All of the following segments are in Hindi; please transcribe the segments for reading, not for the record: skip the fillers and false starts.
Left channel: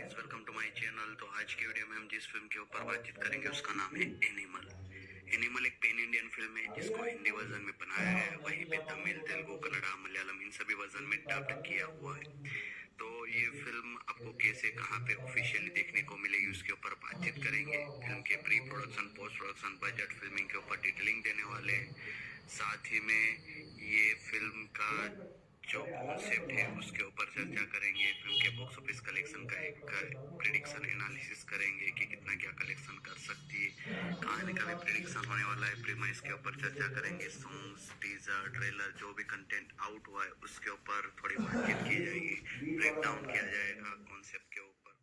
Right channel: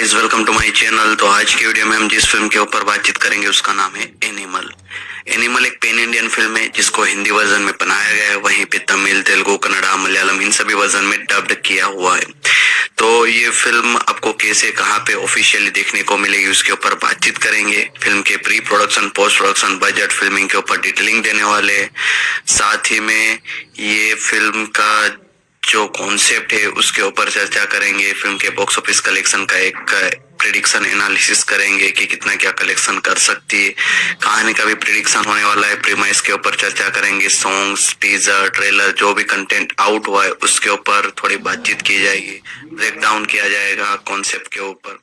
Guys, welcome to my channel. तो आज की वीडियो में हम जिस फिल्म के ऊपर बातचीत करेंगे उसका नाम है एनिमल। एनिमल एक पैन इंडियन फिल्म है जिसको हिंदी वर्जन में बनाया गया है, वहीं पे तमिल, तेलुगु, कन्नड़ा, मलयालम इन सभी वर्जन में डब्ड किया हुआ है। तो ये फिल्म आपको कैसे कहाँ पे ऑफिशियली देखने को मिलेगी उसके ऊपर बातचीत करेंगे। फिल्म के pre production, post production, budget, filming के ऊपर डिटेलिंग देने वाले। साथ ही में ये फिल्म का जो कॉन्सेप्ट है उसके ऊपर चर्चा करेंगे। फिल्म के बॉक्स ऑफिस कलेक्शन का एक प्रिडिक्शन एनालिसिस करेंगे कि कितना क्या कलेक्शन कर सकती है। कहानी का भी प्रिडिक्शन होने वाला है। प्रीमाइस के ऊपर चर्चा करेंगे। सॉन्ग्स, टीजर, ट्रेलर, जो भी कंटेंट आउट हुआ है उसके ऊपर थोड़ी बातचीत की जाएगी। ब्रेकडाउन किया जाएगा कॉन्सेप्ट के ऊपर,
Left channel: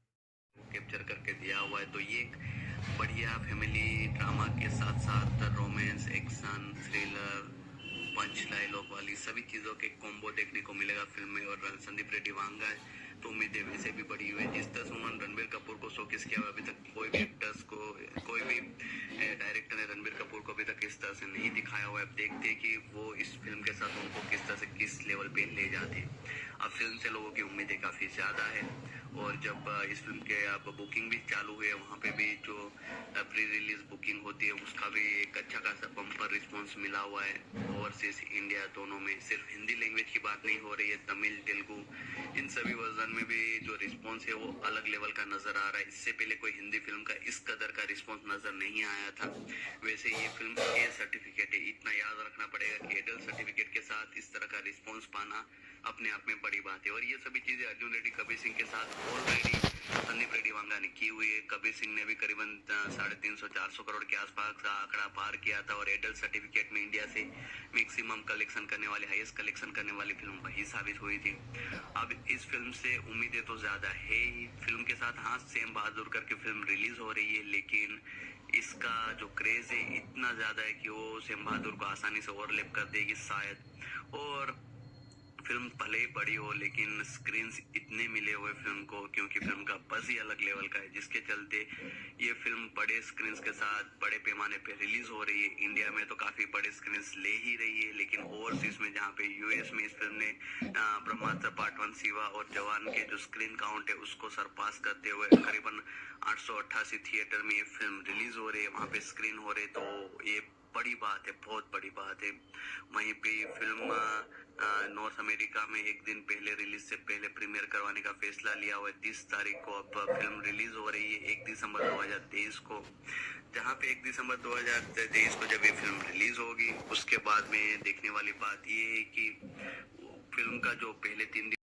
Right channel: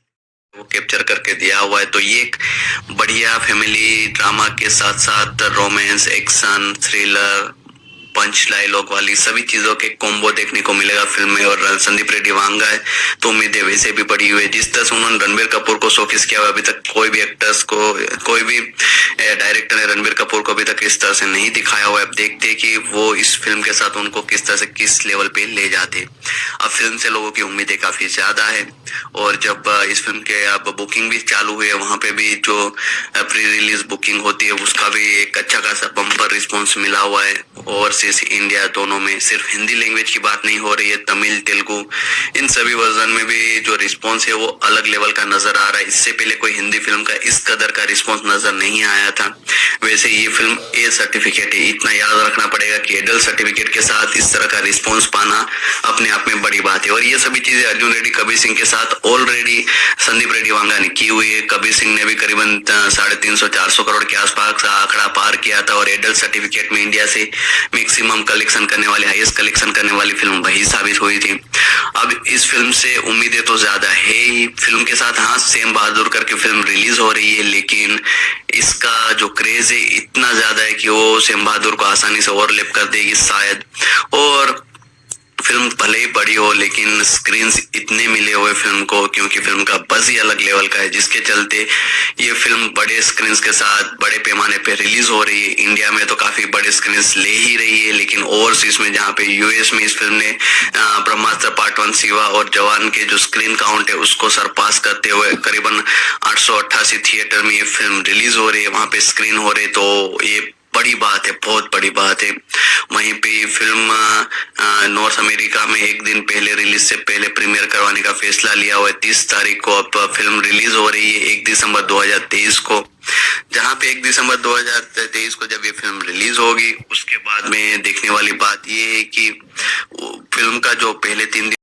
वो कैप्चर करके दिया हुआ है। तो ये एक बढ़िया फैमिली ड्रामा के साथ साथ रोमांस, एक्शन, थ्रिलर, पंच डायलॉग वाली सभी चीजों के कॉम्बो देखने को मिलेगा फिल्म में। और संदीप रेड्डी वांगा है तो उम्मीदें वैसे भी बढ़ी हुई है। जिस तरह से उन्होंने रणबीर कपूर को शोकेस किया हुआ, अभी तक कोई भी एक्टर्स को, कोई भी डायरेक्टर ने रणबीर कपूर को अभी तक इस तरह से नहीं दिखाया हुआ है। अब देखते कि वो इस फिल्म के साथ उनको किस तरह से किस लेवल पे ले जाते। अब फिल्म से लोगों की उम्मीदें काफी ज्यादा है और जब इस फिल्म के अब बुकिंग भी चालू हुई है, वहां पे भी जो प्री रिलीज बुकिंग होती है उसका भी एक अच्छा खासा बम्पर रिस्पॉन्स मिला हुआ है। ओवरसीज इंडिया दोनों में, सिर्फ हिंदी लैंग्वेज की बात नहीं हो रही है, तमिल, तेलुगु इन सभी वर्जन में भी जो रिस्पॉन्स है वो अलग लेवल का नजर आ रहा है। इससे पहले कोई हिंदी फिल्म का इस कदर का रिस्पॉन्स नजर नहीं आया था। वैसे ये फिल्म ए सर्टिफिकेट है, इतना याद रखना पड़ेगा कि एडल्ट सर्टिफिकेट के साथ इस तरह का रिस्पॉन्स पाना अपने आप में बड़ी बात है। और ये सभी चीजें अर्जुन रेड्डी, कबीर सिंह के साथ ऑलरेडी संदीप रेड्डी वांगा ने की हुई है। कबीर सिंह ने भी करीबन 350-400 करोड़ के आसपास का आंकड़ा पार किया था और एडल्ट सर्टिफिकेट में इंडिया से मैक्सिमम कलेक्शन करने वाली, हाईएस्ट कलेक्शन करने वाली फिल्म वही साबित हुई थी। अब इस फिल्म से उम्मीदें तो ज्यादा है ही। फिल्म के साथ हाँ, सेम बहादुर करके फिल्म रिलीज हो रही है, लेकिन इसका जो क्रेज है इतना ज्यादा है कि वो सेम बहादुर को आसानी से ओवरलैप कर देगी शायद। और फिल्म भले ही बड़ी हो लेकिन स्क्रीन्स इतने मिले हुए फिल्म को, क्योंकि फिल्म का बज़ ही अलग लेवल का है, जिसके चलते ये फिल्म बड़े स्क्रीन्स के साथ बड़े पैमाने पे रिलीज हो रही है। इंडिया में तो काफी बड़े स्क्रीन्स ले ही रही है, लेकिन ओवरसीज में, जहाँ पे यूएस में इस फिल्म ने ब्रह्मास्त्र पार्ट 1, शिवा और जवान के जो स्क्रीन काउंट है उसको सरपास करते हुए करीबन 888 थिएटर में ये फिल्म रिलीज हो रही है, वहां पे स्क्रीन हो रही। तो ये बड़ी बात है, बहुत बड़ी बात है। वहीं पे फिल्म नॉर्थ अमेरिका में एक दिन पहले, रिलीज से पहले प्रीमियर करवाने का फैसला लिया हुआ है। 30 तारीख को अब फिल्म रिलीज हो रही है, 1 दिसंबर 2023 को। जहां पे 1 दिसंबर 2023 को जब ये फिल्म रिलीज होगी उसके बाद में देखने वाली बात ये है कि फिल्म का जो पहले 3 दिन,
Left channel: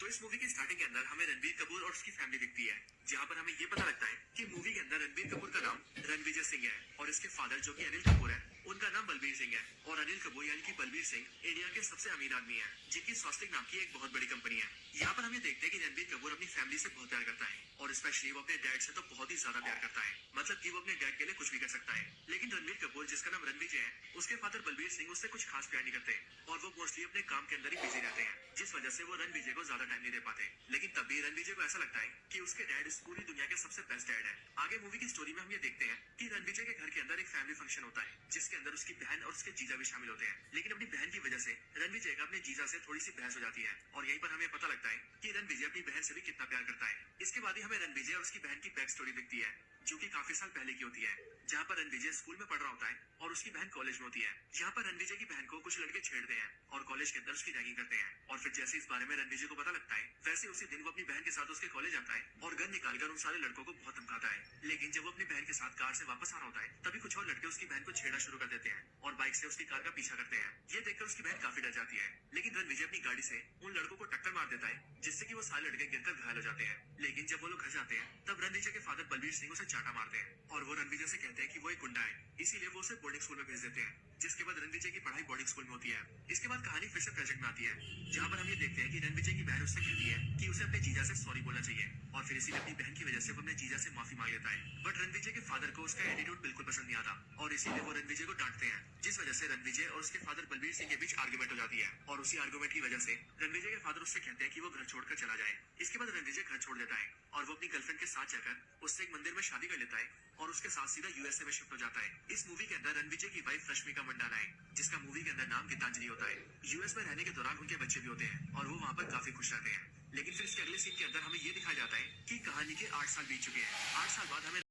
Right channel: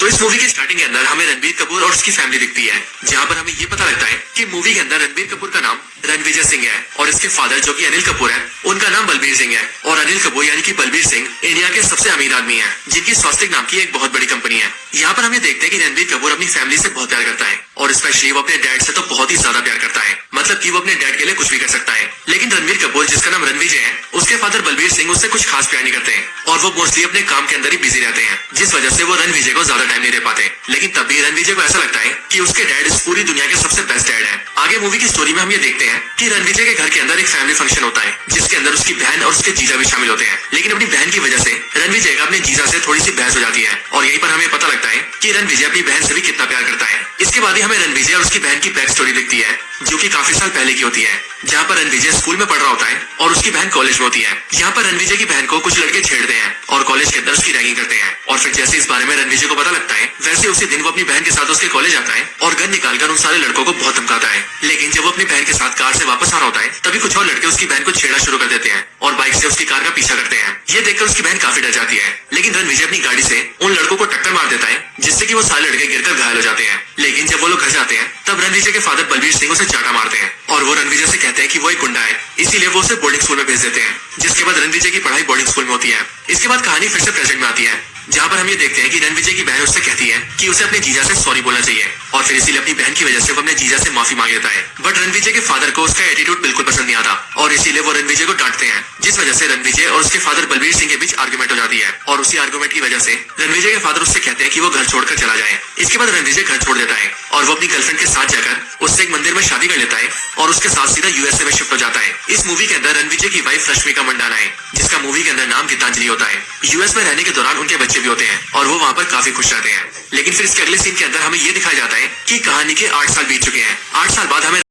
तो इस मूवी के स्टार्टिंग के अंदर हमें रणबीर कपूर और उसकी फैमिली दिखती है, जहां पर हमें ये पता लगता है कि मूवी के अंदर रणबीर कपूर का नाम रणविजय सिंह है और इसके फादर जो कि अनिल कपूर है उनका नाम बलबीर सिंह है। और अनिल कपूर यानी कि बलबीर सिंह इंडिया के सबसे अमीर आदमी है, जिनकी स्वास्तिक नाम की एक बहुत बड़ी कंपनी है। यहाँ पर हमें देखते हैं कि रणबीर कपूर अपनी फैमिली से बहुत प्यार करता है और स्पेशली वो अपने डैड से तो बहुत ही ज्यादा प्यार करता है, मतलब कि वो अपने डैड के लिए कुछ भी कर सकता है। लेकिन रणबीर कपूर जिसका नाम रणविजय है, उसके फादर बलबीर सिंह उससे कुछ खास प्यार नहीं करते हैं और वो मोस्टली अपने काम के अंदर ही बिजी रहते हैं, जिस वजह से वो रणविजय को ज्यादा टाइम नहीं दे पाते। लेकिन तब भी रणविजय को ऐसा लगता है कि उसके डैड इस पूरी दुनिया के सबसे बेस्ट डैड है। आगे मूवी की स्टोरी में हम ये देखते हैं कि रणविजय के घर के अंदर एक फैमिली फंक्शन होता है, जिसके अंदर उसकी बहन और उसके जीजा भी शामिल होते हैं। लेकिन अपनी बहन की वजह से रणविजय का अपने जीजा से थोड़ी सी बहस हो जाती है और यहीं पर हमें पता लगता है कि रणविजय अपनी बहन से भी कितना प्यार करता है। इसके बाद ही हमें रणविजय और उसकी बहन की बैक स्टोरी दिखती है, जो कि काफी साल पहले की होती है, जहाँ पर रणविजय स्कूल में पढ़ रहा होता है और उसकी बहन कॉलेज में होती है। यहाँ पर रणविजय की बहन को कुछ लड़के छेड़ते हैं और कॉलेज के अंदर उसकी रैगिंग करते हैं। और फिर जैसे इस बारे में रणविजय को पता लगता है, वैसे उसी दिन वो अपनी बहन के साथ उसके कॉलेज आता है और गन निकालकर उन सारे लड़कों को बहुत धमकाता है। लेकिन जब वो अपनी बहन के साथ कार से वापस आ रहा होता है, तभी कुछ और लड़के उसकी बहन को छेड़ना शुरू कर देते हैं और बाइक से उसकी कार का पीछा करते हैं। ये देखकर उसकी बहन काफी डर जाती है, लेकिन रणविजय अपनी गाड़ी से उन लड़कों को टक्कर मार देता है, जिससे कि वो सारे लड़के गिरकर घायल हो जाते हैं। लेकिन जब वो लोग घर जाते हैं, तब रणविजय के फादर बलबीर सिंह उसे चाटा मारते हैं और वो रणविजय से कहते हैं कि वो एक गुंडा है, इसीलिए वो उसे बोर्डिंग स्कूल में भेज देते हैं। जिसके बाद रणविजय की पढ़ाई बोर्डिंग स्कूल में होती है। इसके बाद कहानी फिर से प्रेजेंट में आती है, जहाँ पर हम ये देखते हैं कि रणविजय की बहन उससे कहती है कि उसे अपने जीजा से सॉरी बोलना चाहिए और फिर इसीलिए अपनी बहन की वजह से वो अपने जीजा से माफी मांग लेता है। बट रणविजय के फादर को उसका एटीट्यूड बिल्कुल पसंद नहीं आता और इसीलिए वो रणविजय को डांटते हैं, जिस वजह से रणविजय और उसके फादर बलबीर सिंह के बीच आर्गुमेंट हो जाती है। और उसी आर्गुमेंट की वजह से रणविजय के फादर उससे कहते हैं कि वो घर छोड़कर चला जाए। इसके बाद रणविजय घर छोड़ देता है और वो अपनी गर्लफ्रेंड के साथ जाकर उससे एक मंदिर में शादी कर लेता है और उसके साथ सीधा यूएसए में शिफ्ट हो जाता है। इस मूवी के अंदर रणविजय की वाइफ रश्मिका मंडाना है, जिसका मूवी के अंदर नाम गीतांजलि होता है। यूएस में रहने के दौरान उनके बच्चे बच्चे भी होते हैं और वो वहाँ पर काफी खुश रहते हैं। लेकिन फिर इसके अगले सीन के अंदर हमें ये दिखाया जाता है कि कहानी के 8 साल बीत चुके हैं। 8 साल बाद हमें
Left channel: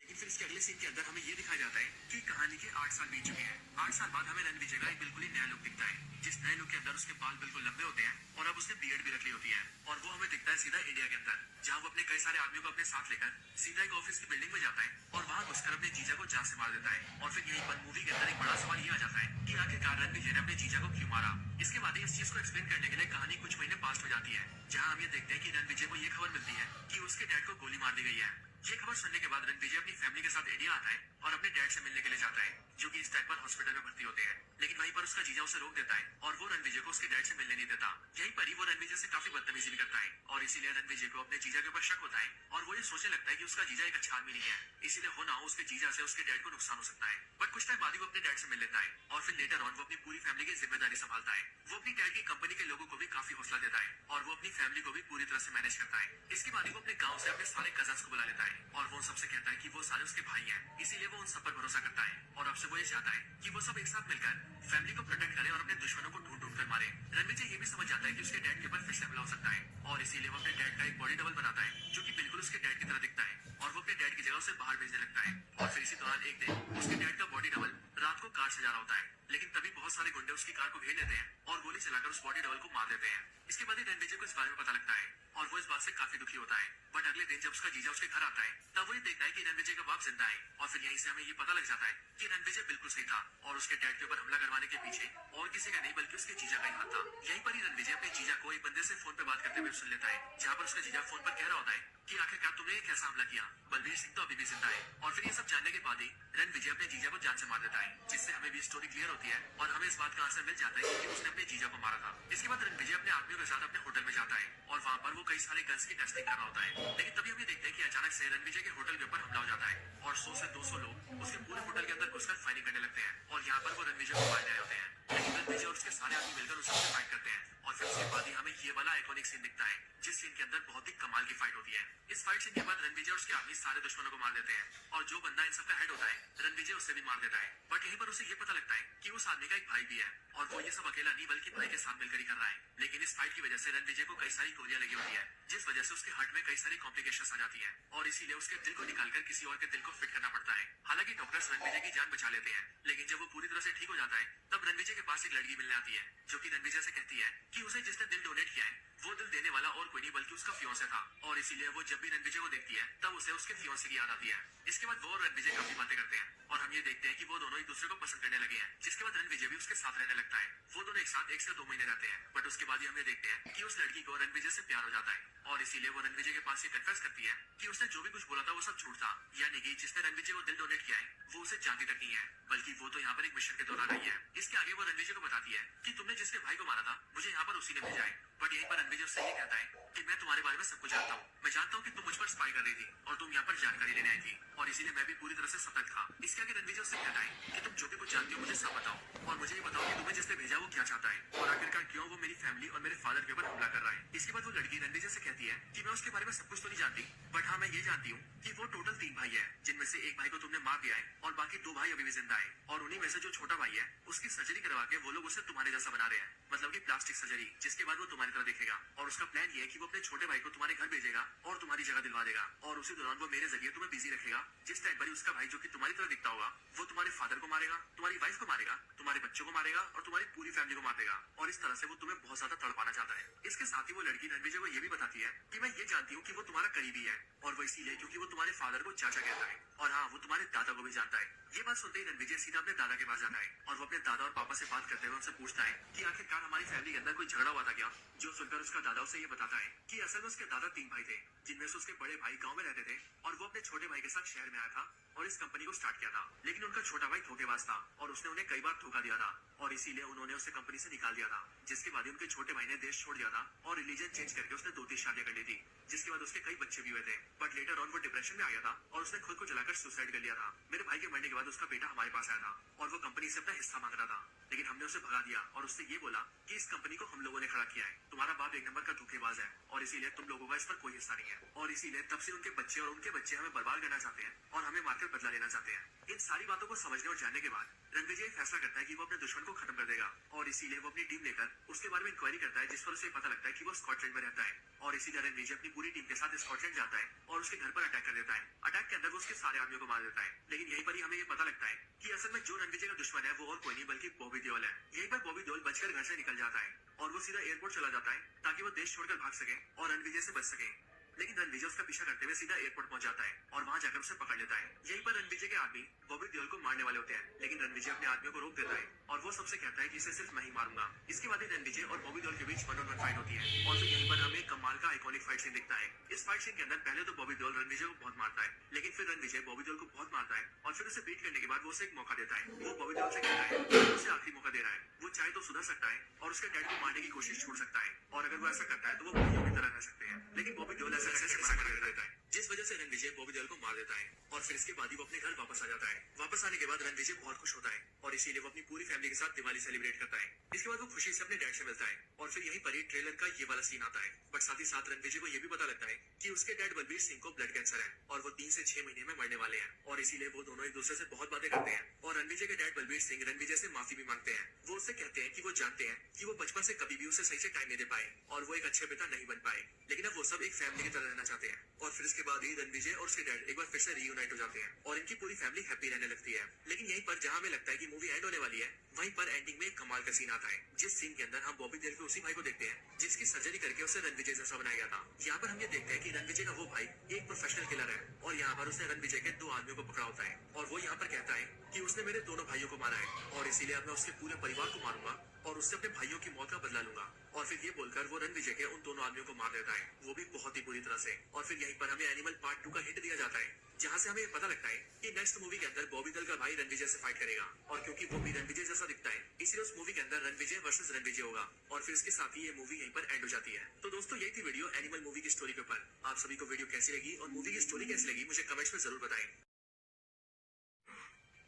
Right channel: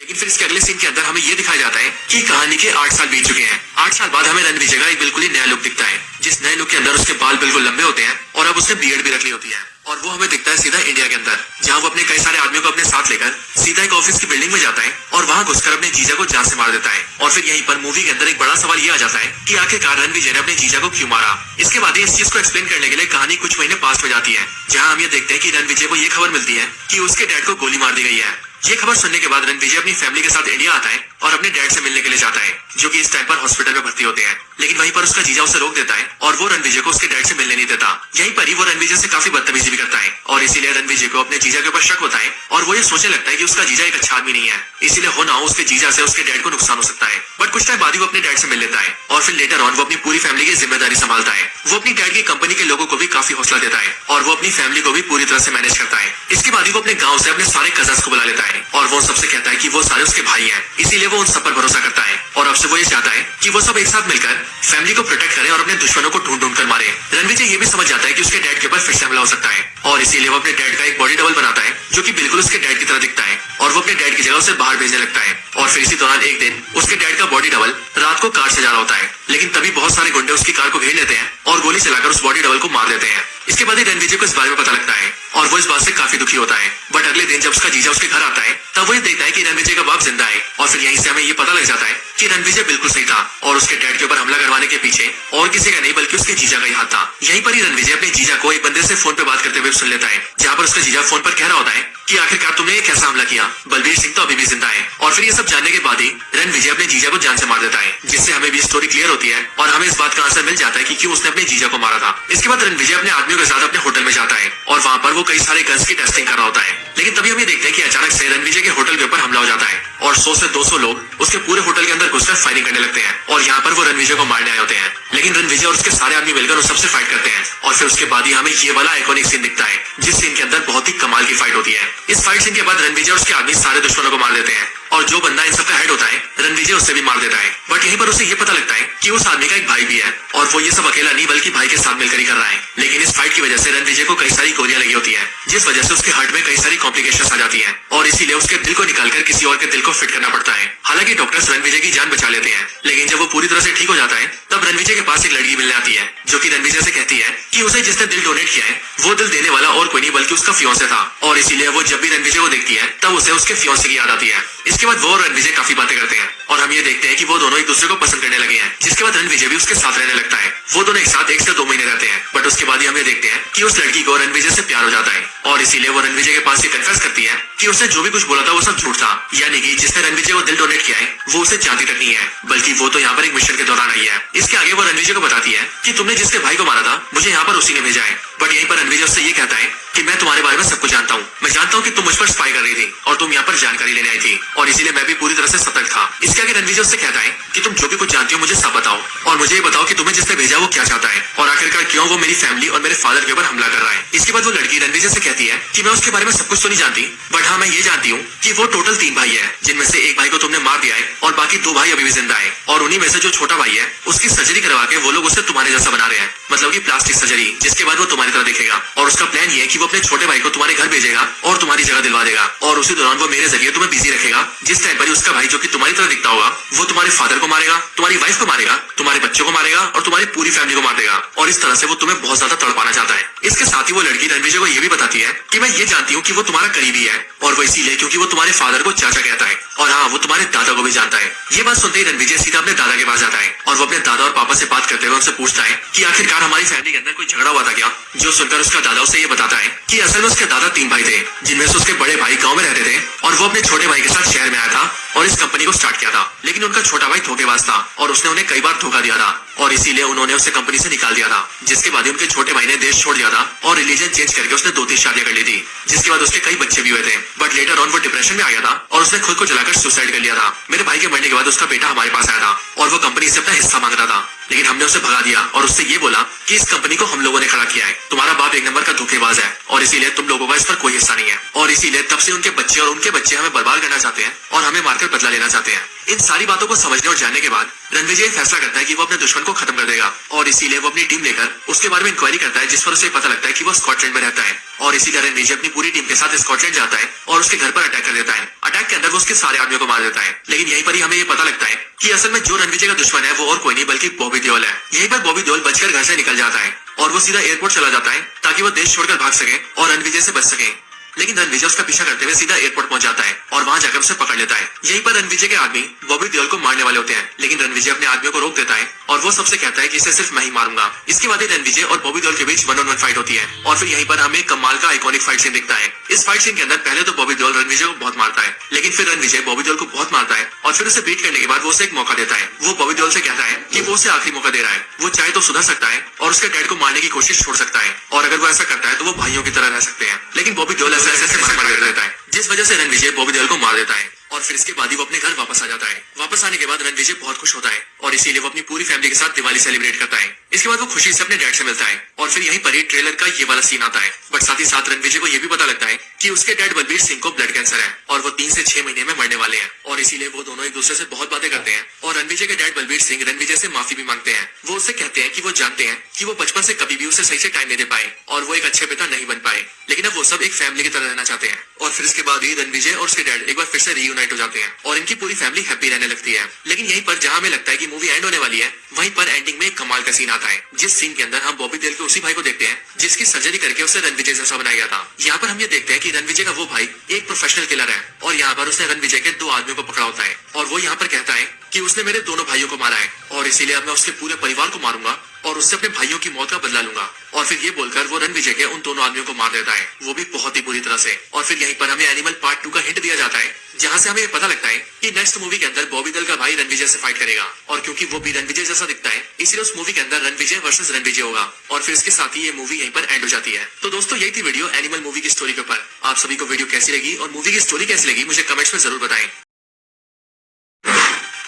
लेकिन फिर इसके अगले सीन के अंदर हमें ये दिखाया जाता है कि कहानी के 8 साल बीत चुके हैं। 8 साल बाद हमें रणविजय का एक बिल्कुल ही नया लुक दिखता है, जिस नए लुक के अंदर उसके बाल बिल्कुल लंबे होते हैं और अब उसने बियर्ड भी रख ली होती है। और वो हमें दिखता है सीधा इंडिया के अंदर, जहाँ वो अपने कई सारे आदमियों को अपने साथ लेकर सीधा एक ऑफिस की बिल्डिंग में जाता है और वहाँ घुसकर अपने जीजा को जान से मार देता है। और फिर यहीं पर मूवी के अंदर एक बड़ा सवाल ये आ जाता है कि आखिरकार रणविजय ने अपने जीजा को क्यों मारा। इसके बाद इस चीज को एक्सप्लेन करने के लिए कहानी कुछ महीने पास में जाती है, जहाँ हम ये देखते हैं कि रणविजय को ये खबर मिलती है कि उसके डैड को गोली मार दी गई है। ये खबर सुनने के बाद रणविजय अपनी फैमिली के साथ इंडिया आता है और अपने डैड से मिलने के लिए जाता है, जो कि इस टाइम पर हॉस्पिटल में भर्ती होते हैं। लेकिन वहीं पर उसका जीजा उसे रोक देता है और वो रणविजय को उसके डैड से मिलने नहीं देता। यहीं पर ही वो रणविजय से काफी बदतमीजी भी करता है और इसीलिए रणविजय को अपने जीजा के ऊपर शक होता है और वो ये सोचने लगता है कि उसका जीजा एक अच्छा आदमी नहीं है, इसीलिए हो ना हो उसके जीजा से उसके डैड को नुकसान हो सकता है। बट कुछ टाइम बाद ही वो अपने डैड से मिल लेता है और फिर लेटर ऑन वो अपनी पूरी फैमिली की जिम्मेदारी संभालता है। वो अपनी डैड की कंपनी के लोगों को भी काफी हौसला देता है और वो अपनी फैमिली को भी पूरी तरह से मैनेज करता है। इसके बाद ही वो अपने गाँव से अपने सारे कजन्स को बुला लेता है और वो सबसे कहता है कि वो सारे उसके भाई हैं, इसीलिए वो उन सब पर भरोसा करता है और अब से वो ये चाहता है कि वो सब एक साथ मिलकर फैमिली को प्रोटेक्ट करें और अपने दुश्मनों को ढूंढ कर मारे। रणविजय ये भी समझ जाता है कि उसके डैड के ऊपर फिर से हमला हो सकता है और इसीलिए वो अपने डैड का एक बॉडी डबल बनाता है, जो कि बिल्कुल उसके डैड की तरह दिखता है और वो अपने डैड की जगह उसे बाहर भेजने लगता है। और फिर इसी दौरान एक दिन उसके डैड का बॉडी डबल रात को कार से जा रहा होता है, लेकिन तभी बहुत सारे गुंडे उसकी कार को घेर लेते हैं और गोली चलाकर उस बॉडी डबल को मार देते हैं। इसके बाद ही रणविजय को इस बारे में पता लगता है और वो इस बात से काफी दुखी होता है। बट अगले दिन जब उसका जीजा उसके घर आता है तब वो ये देखता है कि रणविजय का बाप जिंदा है और फिर यहीं से हमें ये पता लग जाता है कि रणविजय बिल्कुल सही था और उसके डैड के ऊपर हमला करवाने के पीछे और किसी का नहीं बल्कि उसके जीजा का ही हाथ था। यहीं पर ही रणविजय अपने जीजा को एक बंदे से फोन पे बात करते हुए सुन लेता है, जहाँ पर उसका जीजा फोन पर कह रहा होता है कि आखिरकार तुमने ये कैसा हमला किया, बलबीर सिंह तो अभी भी जिंदा है। और फिर ये सब जानने के बाद ही रणविजय अपने जीजा को जान से मार देता है, जिससे हमें भी स्टोरी क्लियर होती है और हमें इस बात का आंसर मिल जाता है कि क्यों उसने अपने जीजा को मारा था। इसके बाद रणविजय अपने आदमियों के साथ अपने होटल में जाता है और वहाँ पर वो कई सारे गन्स की टेस्टिंग कर रहा होता है। लेकिन तभी हम ये देखते हैं कि अचानक से रणविजय के होटल के ऊपर हमला हो जाता है और 100 से 200 लोग उसके पूरे होटल के अंदर घुसकर फायरिंग करने लगते हैं और यहाँ पर वो रणविजय को मारने आए होते हैं। लेकिन रणविजय और उसके सारे आदमी मिलकर उस सबसे फाइट करते हैं और फिर उसके बाद ही हमें ये वाला आइकॉनिक सीन दिखता है, जिस सीन के अंदर बहुत ही कमाल की फाइट होती है। इस फाइट सीन के बाद रणविजय और उसके आदमी सारे दुश्मनों को मार देते हैं और जो बंदा इन सबका हेड होता है रणविजय उससे भी मार देता है। बट यहीं पर उसे ये पता लगता है कि उस आदमी का एक भाई भी है और वो ये सब अकेला नहीं बल्कि भाई के साथ मिलकर ही कर रहा है। लेकिन इस फाइट की वजह से रणविजय को कई सारी गोलियां लगी होती है, जिस वजह से उसके हार्ट में कई सारी कॉम्प्लिकेशंस आ जाती हैं और इसीलिए उसके दिल को निकालकर किसी और के दिल को फिट करना पड़ता है। हालांकि डॉक्टर्स रणविजय की जान बचा लेते हैं, लेकिन जब वो पूरी तरह से ठीक हो जाता है तब रणविजय के पास एक लड़की मिलने आती है, जो कि रणविजय से कहती है कि उसे जिसने दिल डोनेट किया है वो दिल देने वाला और कोई नहीं बल्कि उसका फियांसे था और इसीलिए वो जब भी रणविजय को देखती है तब उसे उसके फियांसे की याद आती है। इसके बाद वो और रणविजय काफी बातें करते हैं और हम ये देखते हैं कि वो दोनों एक दूसरे को पसंद करने लगे हैं, जिसके बाद रणविजय भी उसके साथ रहने लगता है। वो दोनों एक साथ 1 से 2 महीने रहते हैं, बट उसके बाद ही हम ये देखते हैं कि उस लड़की को रणविजय से प्यार हो जाता है और इसीलिए वो रणविजय के पास ये कन्फेस करती है कि उसने जो भी कुछ बोला था वो सब झूठ था, यानी कि जिसने रणविजय को दिल डोनेट किया है वो उसे जानती तक नहीं है, बल्कि वो तो यहाँ पर एक मिशन के दौरान आई है। इसके आगे वो रणविजय को बताती है कि तुमने जिसके भाई को मारा था मुझे यहाँ पर उसी ने भेजा है। बट यहीं पर रणविजय उससे ये कहता है कि मैं तुम्हारे बारे में सब कुछ जानता हूँ, मैं जानता हूँ कि तुम मुझ पर स्पाई कर रही थी और तुम यहाँ पर जानकारी लेने आई थी और इसीलिए मैं भी पूरी तरह से सतर्क था। इसके आगे रणविजय उससे कहता है कि तुम जो भी कुछ जानती हो मुझे सब बताओ और मुझे ये बताओ कि तुम्हें जिसने भेजा वो क्या चाहता है और आखिरकार क्यों वो मेरी फैमिली और मेरे फादर के ऊपर हमला कर रहा है। इसके बाद वो लड़की रणविजय से कहती है कि मैं उसके बारे में सब कुछ तो नहीं जानती, बट हाँ मैं ये जानती हूँ कि वो टोटल 3 भाई है, जिनमें से एक भाई को तुमने मार दिया है और बाकी 2 भाई अभी भी जिंदा है और उन्हीं में से जो छोटा भाई है उसकी सर्जरी करवा के वो लोग उसे तुम्हारे जैसा बना रहे हैं, मतलब की प्लास्टिक सर्जरी, जिसके बाद वो तुम्हारी तरह दिखेगा और उसका प्लान ये है कि वो अपने छोटे भाई को तुम्हारे घर भेजेगा और तुम्हारी जगह दिलवा देगा और उसी दौरान वो मेरे जरिए तुम्हें बिजी रखेगा। जिस टाइम पर उसका भाई जो कि तुम्हारी तरह दिखता होगा वो तुम्हारे फादर को मारेगा, तुम्हारी वाइफ को मारेगा, तुम्हारे बच्चों को मारेगा और तुम्हारी पूरी फैमिली को मार देगा और इस तरह से वो तुम्हें बहुत ज्यादा तड़पाना चाहता है। इसके साथ ही वो लड़की रणविजय को ये भी बताती है कि मैं ये जानती हूँ कि वो तुम्हारा करीबी है और वो इसीलिए क्योंकि वो तुम्हारे फादर को चाचा कहता है और हाँ वो तुम्हारे दादा को भी जानता है। ये बात सुनते ही रणविजय सीधा अपने दादा के पास जाता है और वो अपने दादा और पापा से बात करते हुए उनसे पूछता है कि आखिरकार हमारी फैमिली के अंदर कोई झगड़ा हुआ था क्या, जो सुनकर उसका दादा उसे ये बताता है कि असल में उसके दादा 3 भाई थे, जिनमें से उसके बड़े भाई गाँव में रहते थे और वो अपने छोटे भाई के साथ शहर में आया था और इस कंपनी को स्टार्ट किया था। लेकिन उनका छोटा भाई धोखेबाज था और उसने उन्हें कई बार धोखा दिया था और इसीलिए उन्होंने उसे कंपनी से निकाल दिया था, जिसके बाद उनके छोटे भाई ने देश छोड़ दिया था और रिलीजन चेंज करके उसने 2-3 शादियां कर ली थी, जिसके बाद उसके कई बच्चे भी हुए थे। बट लेटर ऑन वो डिप्रेशन में आ गया था और उसने खुद को जलाकर सुसाइड कर लिया था। मेरे भाई के मरने के बाद उसका बेटा हमारे पास आया था और वो कंपनी से अपना हिस्सा मांग रहा था, लेकिन हमने उसे भगा दिया और उससे ये बोला कि इस कंपनी को हम लोगों ने खड़ा किया है, तुम्हारा बाप 1 नंबर का धोखेबाज है और इसीलिए तुम लोगों का इस पर कोई हिस्सा नहीं है, और इसीलिए तब से उनके बच्चे और उनके बच्चे हमें बर्बाद करना चाहते हैं और हमें मारकर बदला लेना चाहते हैं। इन सारी बातों को समझने और जानने के बाद रणविजय फैसला करता है कि वो अपने दुश्मन को खत्म कर देगा, और इसीलिए वो अपनी टीम लेकर उसके बारे में इंक्वायरी करता है, जिस पर उसे पता लगता है कि वो स्कॉटलैंड में रहता है। और इसीलिए रणविजय अपनी पूरी टीम के साथ स्कॉटलैंड जाता है और उसके घर पर अटैक कर देता है। अटैक के अंदर वो उसके सारे आदमियों को मार देता है, लेकिन यहीं पर ही हमें ये पता लगता है कि असल में जो रणविजय का दुश्मन है वो और कोई नहीं बल्कि बॉबी देओल है। यहीं पर बॉबी देओल बचकर घर से निकल जाता है और वो सीधा एयरपोर्ट चला जाता है ताकि वो देश छोड़कर भाग सके और रणविजय से बच सके। लेकिन रणविजय उसका पीछा करते हुए सीधा एयरपोर्ट पहुंच जाता है और वहां जाकर उसे पकड़ लेता है। यहीं पर रणविजय के आदमी बॉबी देओल को मारने वाले होते हैं, लेकिन रणविजय अपने आदमियों को रोक देता है और वो सबसे कहता है कि इसे सिर्फ मैं ही मारूंगा। इसके बाद रणविजय और बॉबी देओल के बीच 1-on-1 फाइट होती है और फिर यहीं पर हमें कमाल का आइकॉनिक फाइट सीन दिखता है। इस फाइट सीन के अंदर पहले तो बॉबी देओल रणविजय को बहुत मारता है, लेकिन फिर रणविजय बॉबी देओल को बहुत मारता है और फिर उसे बीट करने के बाद वो उसे एक मौका देता है। वो बॉबी देओल से कहता है कि वो उसे आखिरी मौका दे रहा है, वो चाहे तो सुधर सकता है और उसके डैड को मारने की कोशिश छोड़ सकता है, और अगर वो ऐसा करता है तो वो भाइयों की तरह रह सकते हैं। लेकिन बॉबी देओल ऐसे मार देता है, जिस वजह से रणविजय बॉबी देओल को मार देता है और फिर इसके बाद ही वो अपने घर वापस आ जाता है। वापस आने के बाद रणविजय बहुत खुश होता है और इसीलिए वो अपनी पूरी फैमिली के साथ दिवाली सेलिब्रेट करता है। इसके बाद वो खुशी से अपने डैड से मिलता है और फिर यहीं पर ही ट्रेलर का ये वाला सीन आता है। बट साथ ही साथ रणविजय को ये भी पता लगता है कि उसके डैड बलबीर सिंह को ब्लड कैंसर है और वो 3 से 6 महीने में मरने वाले हैं, और इसीलिए वो दोनों एक दूसरे से बहुत बातें करते हैं। और रणविजय के डैड बलबीर सिंह रणविजय से माफी भी मांगते हैं। वो उससे कहते हैं कि वो जानते हैं कि वो बचपन से कभी भी उसे सही से टाइम नहीं दे पाए और वो एक अच्छे पिता नहीं बन पाए, लेकिन अब वो सब एक फैमिली की तरह रहना चाहते हैं। और फिर इसके बाद ही रणविजय और उसके डैड एक बार फिर से रीयूनाइट हो जाते हैं और इनकी पूरी फैमिली हैप्पी रहने लगती है। लेकिन यहीं पर जहां हमें लगता है कि मूवी एंड होने वाली है, वहीं पर एंडिंग में एक कमाल का सीन आता है, जिस सीन के अंदर हम बॉबी देओल के उसी भाई को देखते हैं जिसकी सर्जरी करके उसे रणविजय जैसा बनाया गया था। यहाँ पर हम ये देखते हैं कि रणविजय का वो भाई एक प्रोफेशनल किलर है और यहाँ पर उसने रणविजय के 2 आदमियों को पकड़ा होता है और वो यहाँ पर कहता है कि उसने मेरे दोनों भाइयों को मारा है और इसीलिए अब मैं उसके पूरे परिवार को मारूंगा और उससे अपने भाइयों की मौत का बदला लूंगा। और फिर ये बोलकर वो रणविजय के उन दोनों आदमियों को मार देता है, वो भी बहुत ही बुरी तरह से। और फिर यहीं पर हमें एनिमल पार्ट 2 का हिंट दिया जाता है, जहां से हमें ये पता लगता है कि नेक्स्ट मूवी के अंदर बॉबी देओल का भाई रणविजय से फाइट करेगा, और क्योंकि वो भी रणविजय जैसा दिखता है इसलिए उस मूवी के अंदर रणविजय वर्सेस रणविजय होगा। और फिर इसके साथ ही ये मूवी यहीं पर एंड हो जाती है। तो दोस्तों यही थी वीडियो एनिमल मूवी की स्टोरी के ऊपर। आप सभी को वीडियो कैसी लगी और मूवी की स्टोरी कैसी लगी मुझे कमेंट्स में जरूर बताएं।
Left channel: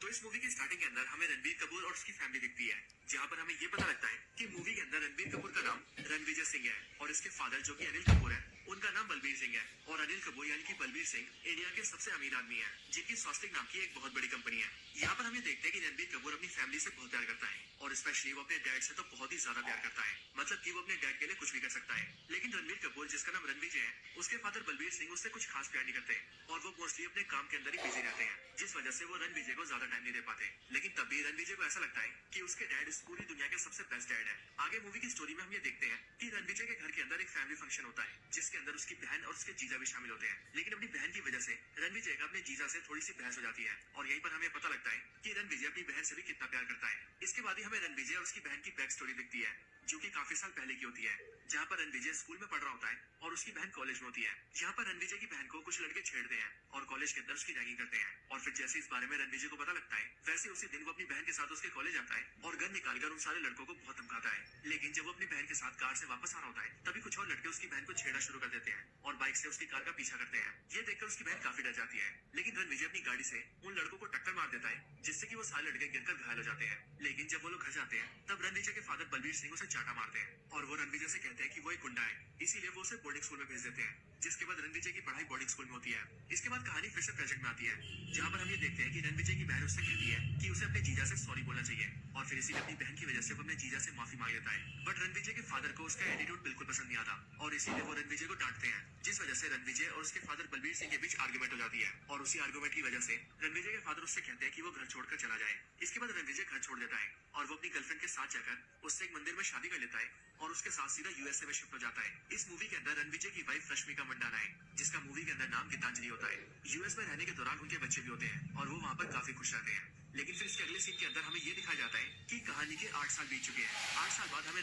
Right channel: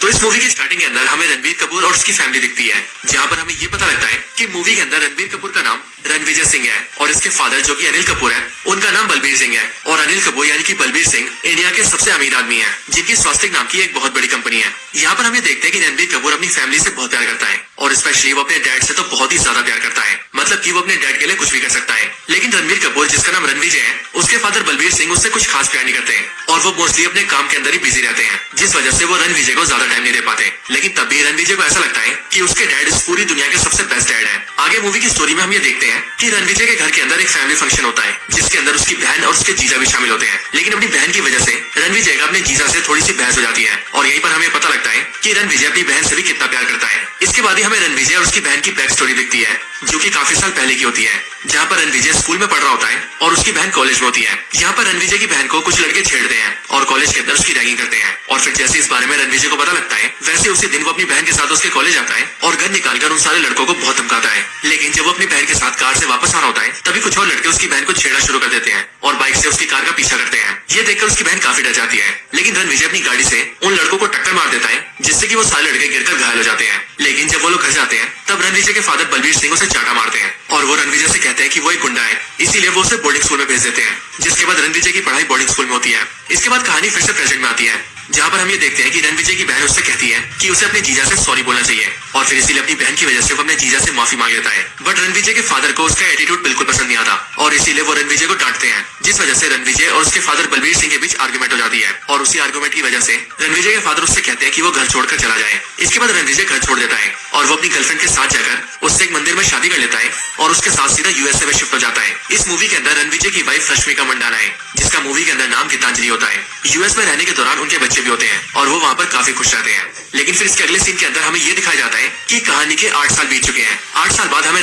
तो इस मूवी की स्टार्टिंग के अंदर हमें रणबीर कपूर और उसकी फैमिली दिखती है, जहां पर हमें ये पता लगता है कि मूवी के अंदर रणबीर कपूर का नाम रणविजय सिंह है और इसके फादर जो कि अनिल कपूर है उनका नाम बलबीर सिंह है। और अनिल कपूर यानी कि बलबीर सिंह इंडिया के सबसे अमीर आदमी है, जिनकी स्वास्तिक नाम की एक बहुत बड़ी कंपनी है। यहाँ पर हमें देखते हैं कि रणबीर कपूर अपनी फैमिली से बहुत प्यार करता है और स्पेशली वो अपने डैड से तो बहुत ही ज्यादा प्यार करता है, मतलब कि वो अपने डैड के लिए कुछ भी कर सकता है। लेकिन रणबीर कपूर जिसका नाम रणविजय है उसके फादर बलबीर सिंह उससे कुछ खास प्यार नहीं करते हैं और वो मोस्टली अपने काम के अंदर ही बिजी रहते हैं, जिस वजह से वो रणविजय को ज्यादा टाइम नहीं दे पाते। लेकिन तब भी रणविजय को ऐसा लगता है कि उसके डैड इस पूरी दुनिया के सबसे बेस्ट डैड है। आगे मूवी की स्टोरी में हम ये देखते हैं कि रणविजय के घर के अंदर एक फैमिली फंक्शन होता है जिसके अंदर उसकी बहन और उसके जीजा भी शामिल होते हैं। लेकिन अपनी बहन की वजह से रणविजय का अपने जीजा से थोड़ी सी बहस हो जाती है और यहीं पर हमें पता लगता है कि रणविजय अपनी बहन से भी कितना प्यार करता है। इसके बाद ही हमें रणविजय और उसकी बहन की बैक स्टोरी दिखती है जो कि काफी साल पहले की होती है, जहाँ पर रणविजय स्कूल में पढ़ रहा होता है और उसकी बहन कॉलेज में होती है। यहाँ पर रणविजय की बहन को कुछ लड़के छेड़ते हैं और कॉलेज के अंदर उसकी रैगिंग करते हैं और फिर जैसे इस बारे में रणविजय को पता लगता है वैसे उसी दिन वो अपनी बहन के साथ उसके कॉलेज आता है और गन निकालकर उन सारे लड़कों को बहुत धमकाता है। लेकिन जब वो अपनी बहन के साथ कार से वापस आ रहा होता है तभी कुछ और लड़के उसकी बहन को छेड़ना शुरू कर देते हैं और बाइक से उसकी कार का पीछा करते हैं। ये देखकर उसकी बहन काफी डर जाती है, लेकिन रणविजय अपनी गाड़ी से उन लड़कों को टक्कर मार देता है जिससे कि वो सारे लड़के गिरकर घायल हो जाते हैं। लेकिन जब वो लोग घर जाते हैं तब रणविजय के फादर बलबीर सिंह उसे चाटा मारते हैं और वो रणविजय से कहते हैं कि वो एक गुंडा है, इसीलिए वो उसे बोर्डिंग स्कूल में भेज देते हैं, जिसके बाद रणविजय की पढ़ाई बोर्डिंग स्कूल में होती है। इसके बाद कहानी फिर से प्रेजेंट में आती है, जहाँ पर हम ये देखते हैं कि रणविजय की बहन उससे कहती है कि उसे अपने जीजा से सॉरी बोलना चाहिए और फिर इसीलिए अपनी बहन की वजह से वो अपने जीजा से माफी मांग लेता है। बट रणविजय के फादर को उसका एटीट्यूड बिल्कुल पसंद नहीं आता और इसीलिए वो रणविजय को डांटते हैं, जिस वजह से रणविजय और उसके फादर बलबीर सिंह के बीच आर्गुमेंट हो जाती है और उसी आर्गुमेंट की वजह से रणविजय के फादर उससे कहते हैं कि वो घर छोड़कर चला जाए। इसके बाद रणविजय घर छोड़ देता है और वो अपनी गर्लफ्रेंड के साथ जाकर उससे एक मंदिर में शादी कर लेता है और उसके साथ सीधा यूएसए में शिफ्ट हो जाता है। इस मूवी के अंदर रणविजय की वाइफ रश्मिका मंडाना है, जिसका मूवी के अंदर नाम गीतांजलि होता है। यूएस में रहने के दौरान उनके बच्चे भी होते हैं और वो वहाँ पर काफी खुश रहते हैं। लेकिन फिर इसके अगले सीन के अंदर हमें ये दिखाया जाता है कि कहानी के 8 साल बीत चुके हैं। 8 साल बाद हमें